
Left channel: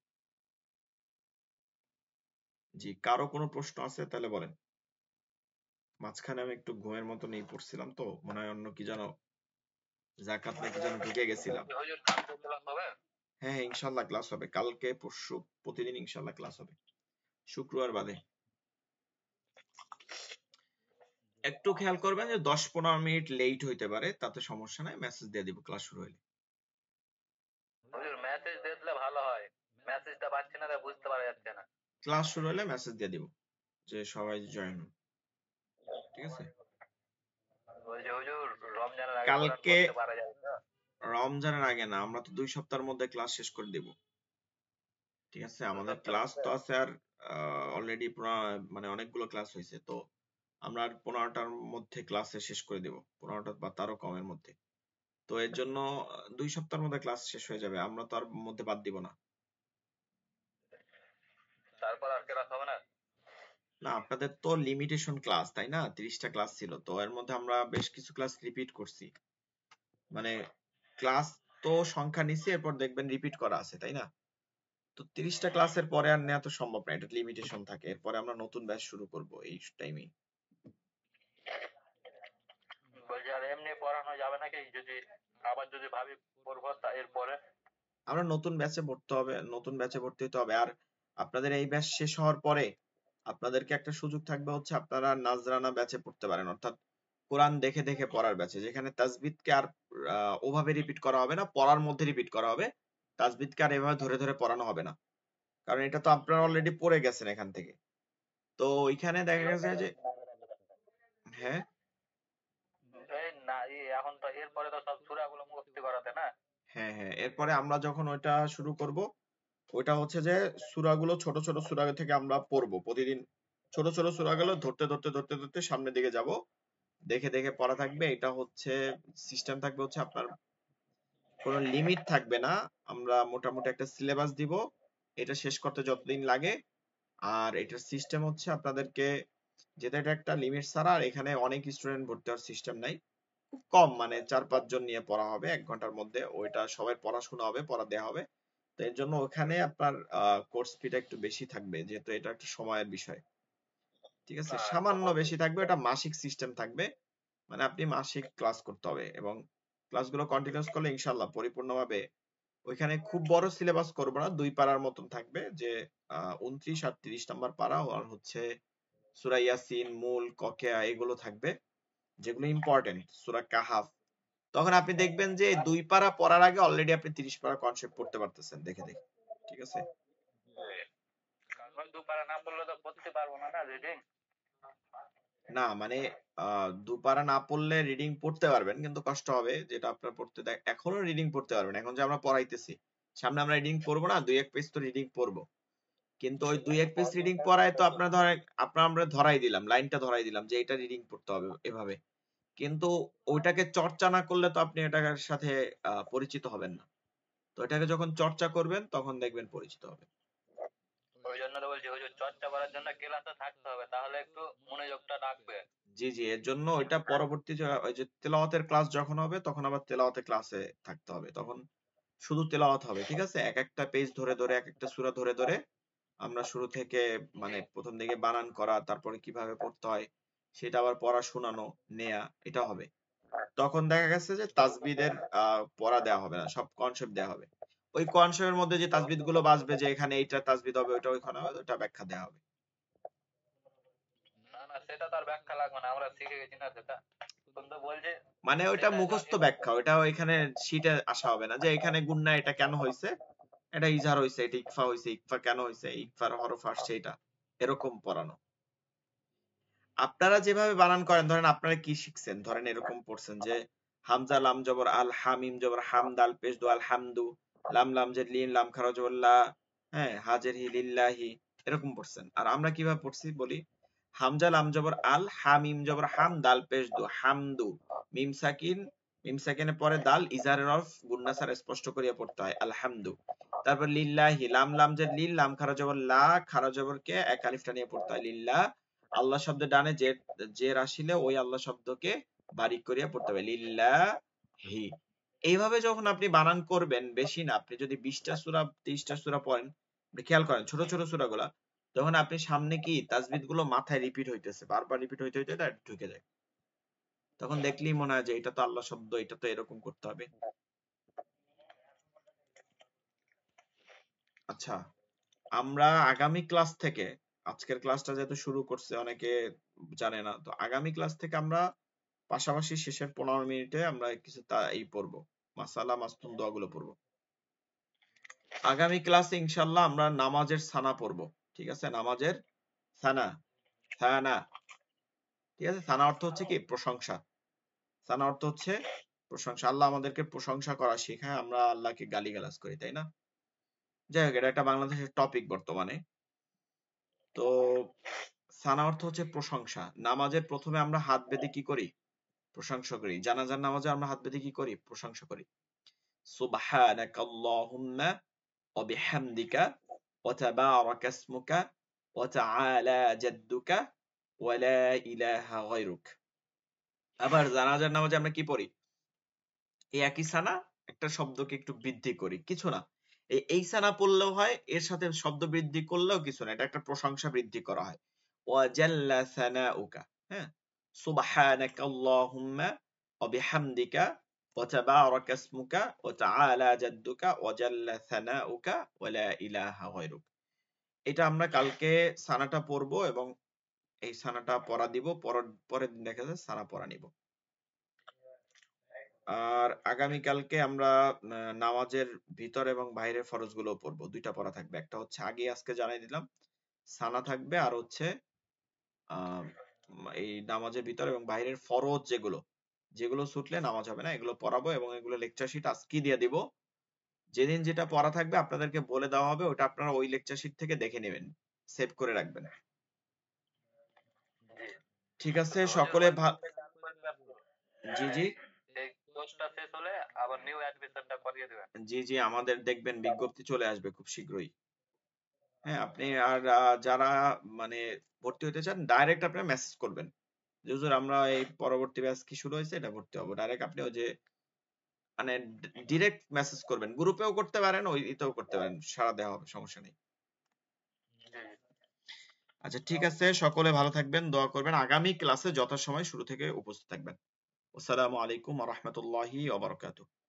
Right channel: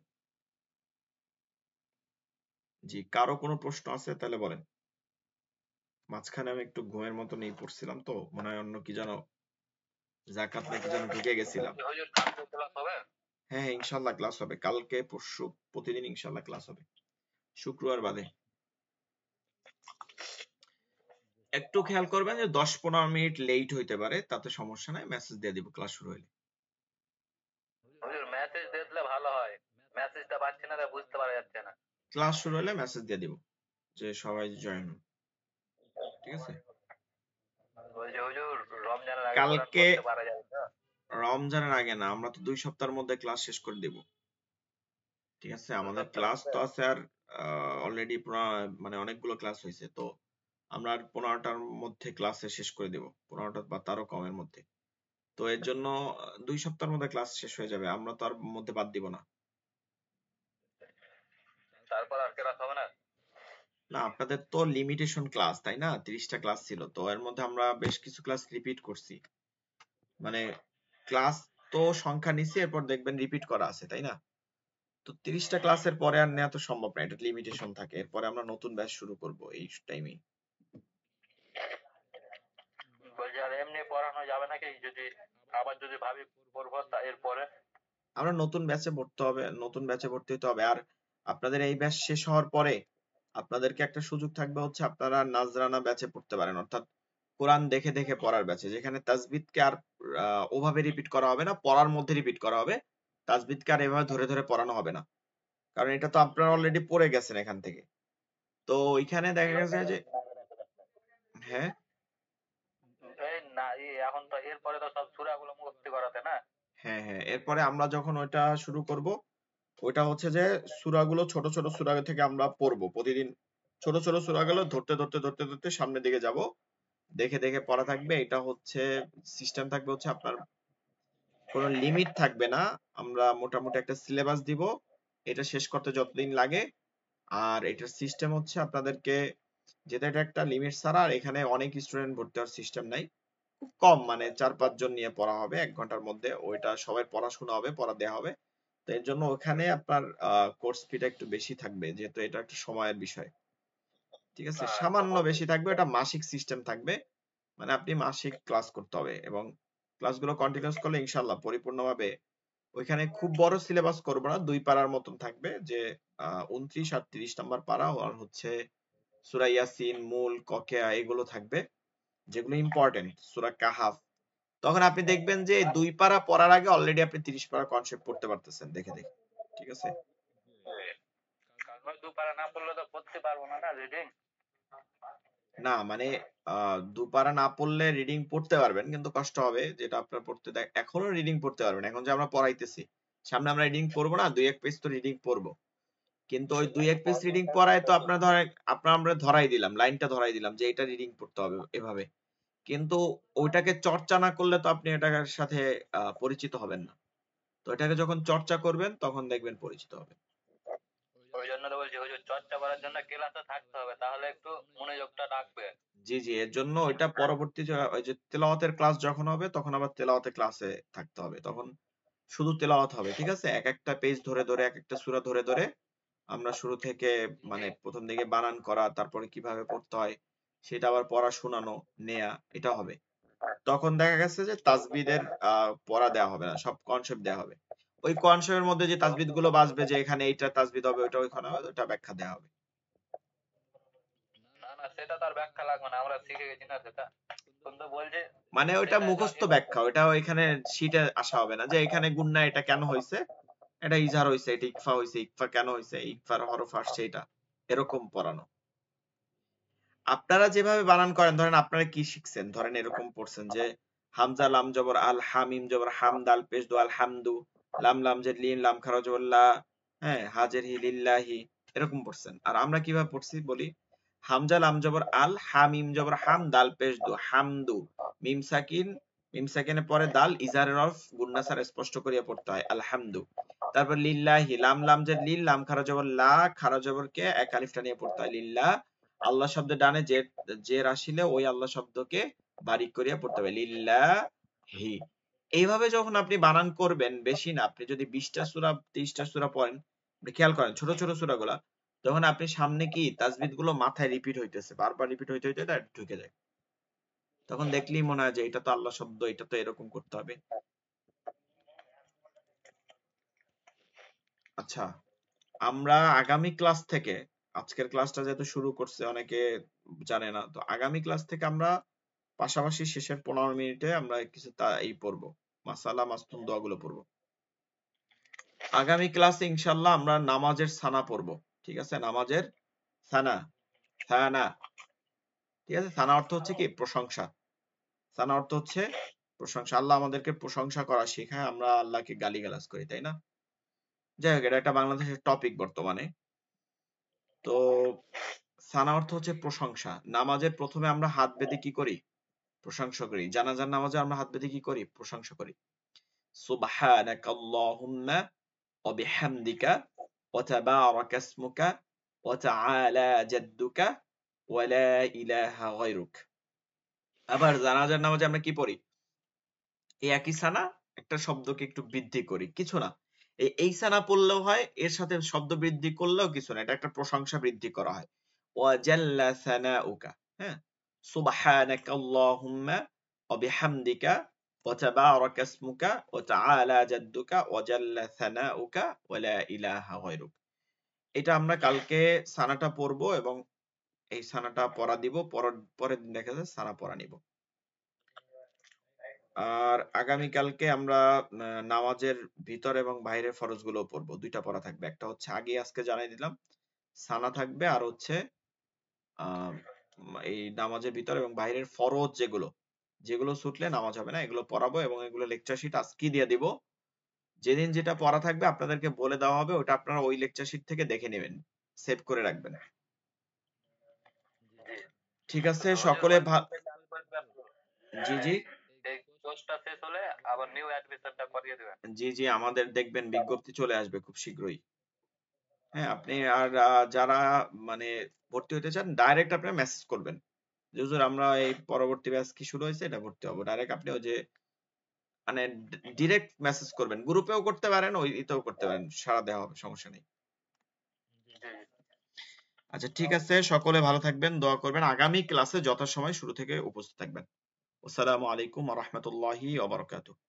জি, কারো কোনো প্রশ্ন আছে তাহলে বলেন। মাঝখানে আমি একটু ঘুমের মতো নিয়ে পড়ছিলাম, তো মনে হয় অন্য কি যেন জাকাত নাকি যেন ঢেকে গেছিলাম। হ্যাঁ, ইনশাআল্লাহ ক্লাস হবে কালকে, পরশু, প্রতিদিন ইনশাআল্লাহ ক্লাস হবে, শুক্রবার বাদে। একটু খেয়াল করবেন যে 10-15 মিনিট লেট হতে পারে, তাতে সমস্যা নাই, মেসেজ দিয়ে দিব ক্লাস শুরু হলে। ক্লাস শুরু হলে মেসেজ দিয়ে দিব যে সবাই জয়েন, ঠিক আছে। কালকে রমজানের আগে না, আমরা 2 সপ্তাহের মধ্যে ক্লাস শেষ করে দেব, ঠিক আছে। আমাদের ক্লাস তো আছে আর অলরেডি মানে অনেকগুলো ক্লাস হয়েছে, তো আমরা 15টার মধ্যে ক্লাস শেষ করে দেব, 15টা বা তারও কমের মধ্যে। তো এর জন্য 2 সপ্তাহের মধ্যে ক্লাস শেষ হয়ে যাবে, আমরা তার মধ্যে বাদ দিব না। না, আপনাদের তো লিমিটেশন ক্লাস, তাই না, 30টা ক্লাস ছিল, তো এর মধ্যে আমরা বেশ কিছু ক্লাস রিপিট করছি, মানে ক্লাস তো সংখ্যা নিচে, এরপর দেখবেন রিপিট করা আছে, তাই না। তো 30টা ক্লাসের পরে আর নেওয়া তো সম্ভব না, এটা লিমিটেশন থাকে। এরপরে আমরা নতুন ব্যাচ শুরু করব এই টাইমে। আমরা নতুন ব্যাচে পড়তে হবে, নতুন ব্যাচে ভর্তি হতে হবে। আর আপনাদের এই ব্যাচ শেষ হওয়ার পরে আপনাদেরকে একটা সুযোগ থাকবে, হচ্ছে আপনারা নাজরানা ব্যাচে পড়তে পারেন, অর্থাৎ কোরআন দেখে দেখে পড়ার ব্যাচে, যেখানে তাজবিদকে আর ওভাবে রিপিট করা হবে না, পড়ার মধ্যে রিপিট করা হবে। তাজবিদকে আর এভাবে ধরে ধরে পড়ানো হবে না, কারণ এটা তো আপনারা অলরেডি পড়ে গেছেন এখান থেকে। তো ওইখানে দেখা যায় যে হ্যাঁ হ্যাঁ, এরপরে আমরা যখন ওইটা শুরু করব, ওইটা হচ্ছে যে সূরাগুলো ছোট ছোট সূরা থেকে আমরা পড়ব প্রতিদিন, ছোট ছোট সূরাগুলো ধরতে ধরতে ধরতে ধরতে সামনের দিকে যাব, দেখে দেখে পড়া থাকবে। এটা হচ্ছে সিস্টেম থাকবে, হচ্ছে আপনার কোনো লিমিট থাকবে না, আমরা মোটামুটি একটা সিলেবাস দিব, এটা শেষ করতে যতদিন লাগে। আর এটা সিস্টেম হচ্ছে আপনাদেরকে যেটা একটা লিমিট ছাড়া এখানে অনেক স্টুডেন্ট ভর্তি হওয়ার সিস্টেম নাই, কম, মানে 4-5 জন নিয়ে পড়া হবে 1 ঘন্টার মধ্যে, ওইটা সবাই পড়াশোনা হবে, পড়া দেওয়া হবে। তো এর জন্য ওখানে আপনার কোর্স ফিটা একটু বেশি থাকবে, যেহেতু এটা সময়ের বিষয়, ঠিক আছে। সামান্য বেশি থাকবে, এটা মাসিক সিস্টেম থাকবে, মানে আপনি মাসিক ক্লাস করতে হবে, এবং ক্লাসগুলো কন্টিনিউয়াস করলে ইনশাআল্লাহ পরিপূর্ণভাবে ওইখানে খুব বড় সিলেবাস করব না, 2 পারার মতো থাকবে, যে 29 আর 30 নাম্বার পারা, আর হচ্ছে সূরা ইয়াসিন, মুল, ককিয়া এগুলো থাকবে, যেগুলো ইম্পর্টেন্ট, সূরা কাহাফ। তখন আপনি দেখবেন যে 2 পারা পড়ার আগে অলরেডি আপনি 30 পারা কনসেপ্ট পড়তে পারতেছেন দেখে দেখে, ঠিক আছে। না মানে 2 পারা না পড়লে রিডিং পড়তে পারবেন, কিন্তু কষ্ট হবে, যেটা আপনার পড়তে দেয়। এখনো রিডিং পড়তে পারবেন, এখন যে আমরা পড়াইতেছি, সামনে আমরা রিডিং করব না, 2-1 পেজ তো রিডিং করব, কিন্তু ওই 2-1 পেজ রিডিং করায় তো আপনারা আমরা ধরাই দিলাম, লাইনটা ধরাই দিলাম যে এটা রিডিং পড়তে হবে এভাবে, কিন্তু ওইটাকে চর্চা না করলে তো আপনি এটার সাথে পরিচিত হবেন না। তো এটাকে যখন চর্চা করবেন তখন দেখবেন পরিচিত হবে। জি জি, এর জন্য এটা পরবর্তীতে ওই যে তেলাওয়াতের ক্লাস যখন হবে তখন আবার তেলাওয়াতের ক্লাসে থাকতে হবে, তখন শুধু তেলাওয়াত হবে, ঠিক আছে। এক একটা পেজ ধরে ধরে, একটা সূরা ধরে ধরে আমরা শুরু থেকে, মানে প্রথম দিকে বানান করা, তারপর কিভাবে পড়তে হয় সেটা আবার পড়া শোনানো নেয়া, এটা হবে। তখন দেখা গেছে যে তাসবিহের পড়া দেওয়া হবে না, সব কনসেপ্ট দেওয়া হবে। ওই কনসেপ্টের মধ্যে যে তাসবিহগুলো বাজবে যে এখানে এইটা তাসবিহ দিতে হবে ওটা ব্যাখ্যা দেওয়া হবে। সেটা তো আর ব্যাখ্যা লাগবে না, আমরা ঠিক আছে। মানে ওটা মুখস্থ ব্যাখ্যা, ওটা এখানে শীটে আসা হবে না যে এখানে গুণা এটা কেন হইছে, এটা ইজার হইছে, এটা ইকফা হইছে, ইকফা কেন হইছে, ইকফার হরফ আসছে এটা, এরকম পড়ানো। আপনারা যেভাবে বানান করেন, ধরেন আপনারা কি শিখছেন, ধরেন এরকম পড়ছেন যে হামজা লাম জবর আল, হামিম জবর হাম, দাল পেশ দু আল হামদু, লাম লাম জের লিম, লাম খারাজ লা, হ্যাঁ হাজের লিল্লাহি, এরকম পড়ছেন। আর আমরা কিভাবে পড়ছি বলি, হামজা লাম জবর আল, হামিম জবর হাম, দাল পেশ দু হামদু, মিম সাকিন, মিম সাকিনের পরে দাল, ইজার হরফ গুণা ছাড়া স্পষ্ট করে পড়তে হয় আলহামদু। তারপর লিল্লাহি, লাম লাম জের লিম, লাম খারাজ লা, খারাজ জবর কে এক আলিফ নিয়ে পড়তে হয় লিল্লাহ। আল্লাহ শব্দ ডানে যে আসলে ওই আল্লাহ শব্দকে বাড়ি করে পড়তে হবে লিল্লাহি। এইভাবে যখন আপনি বানান করবেন, বেশি না, আপনি যদি 20টা সূরা 30টা সূরা পড়েন, খেয়াল করেন ছোট ছোট সূরাগুলো, তখন আপনি সামনে কি তাসবিহগুলো মাথায় রিপিট হইতেছে, বারবার রিপিট হইতে হইতে এটা ঢুকে যায়। তখন দেখলেই মনে হয় যে এটা তো আল্লাহ শব্দ, এটা তো এরকম করতে হবে। আচ্ছা, আমরা আগামী ক্লাস থেকে, আজকের ক্লাসটা যেহেতু শুরু করছে অনেকে জানে না, তো আগামী ক্লাস থেকে আমরা পাশাপাশি শেষের 15 মিনিটে আমরা এই পড়বো, মাসালা মাসুম দোয়াগুলো পড়বো। আগামী ক্লাসে ইনশাআল্লাহ আমরা নামাজের সানা পড়বো, ঠিক আছে? নামাজের সানা, সানা, ঠিক আছে? সানা অর্থ হচ্ছে কি? প্রশংসা। সানা অর্থ হচ্ছে প্রশংসা। আল্লাহ আমাদেরকে প্রশংসা করা শেখায়, আমরা আল্লাহকে গালিগালাজ করি, তাই না? যাই হোক, এটা একটা বাংলাদেশের টপিক বর্তমানে। তো সানা অর্থ হচ্ছে প্রশংসা। নামাজের প্রথমে আমরা হাত বেঁধে কি করি? প্রশংসা করি। জানাজার নামাজে আমরা হাত বেঁধে কি করি? প্রশংসা করি। সুবহানাকা আল্লাহুম্মা ওয়া বিহামদিকা ওয়া তাবারাকা ইসমুকা ওয়া তাআলা জাদ্দুকা ওয়া লা ইলাহা গায়রুক। আবার জানাজার নামাজে আমরা কি পড়ি? এই একই সানা একটা শব্দকে একটু বৃদ্ধি করি, কিছু না। এই সানা বললেও হয়, এর সাথে শব্দ বৃদ্ধি করলেও কিছু না, এটা একটা প্রশংসা বৃদ্ধি করা হয়। ওয়া জাল্লা সানাউকা, হ্যাঁ, সুবহানাকা আল্লাহুম্মা ওয়া বিহামদিকা ওয়া তাবারাকা ইসমুকা ওয়া তাআলা জাদ্দুকা ওয়া জাল্লা সানাউকা ওয়া লা ইলাহা গায়রুক। এটা আমরা কালকে সানাটা পড়বো এবং এই সানাটা পড়া দিব, পরের দিন দেখা যাচ্ছে সানা পড়া নিব। আর আগামী কালকে আমরা নামাজের ভিতর এবং বাইরের ফরজগুলো পড়বো, দুইটা পড়া থাকবে। একটা হচ্ছে আগে আজকে জানাই দিলাম, সানা থাকবে, আর হচ্ছে এই নামাজের ভিতর এবং বাইরের ফরজ যেগুলো ছুটলে নামাজ হয় না, এগুলো পড়াবো এবং এগুলো লেকচার শীট আজকে দিয়ে দেব। যেদিন যেটা পড়া থাকবে আপনাদেরকে বলে দেওয়া হবে, ওটা আপনারা ওই লেকচার শীট থেকে দেখে নেবেন, সেভ করে রাখবেন। ঠিক আছে? সকলে জি জি জি জি, আমাদের দেখবেন বিজ্ঞপ্তি চলে আসবে খুব শীঘ্রই। হ্যাঁ, আপনি আর যারা মানে ভর্তি হতে চান, ডাইরেক্ট আপনি মেসেজ করবেন যে হুজুর আমরা এই পরবর্তী ব্যাচ শুরু হয়েছে, এটা ভর্তি হবে। ডাইরেক্ট আপনি যে মানে ডাইরেক্ট মেসেজ করবেন, গ্রুপেও করতে পারেন, ওইতেও করতে পারেন, সারা দেওয়া সমস্যা নেই। আচ্ছা ঠিক আছে, সকলে ভালো থাকবেন, দোয়া করবেন। আগামী ক্লাসে যথাসময়ে শুরু থেকে উপস্থিত থাকবেন। আসসালামু আলাইকুম ওয়া রাহমাতুল্লাহি ওয়া বারাকাতুহু।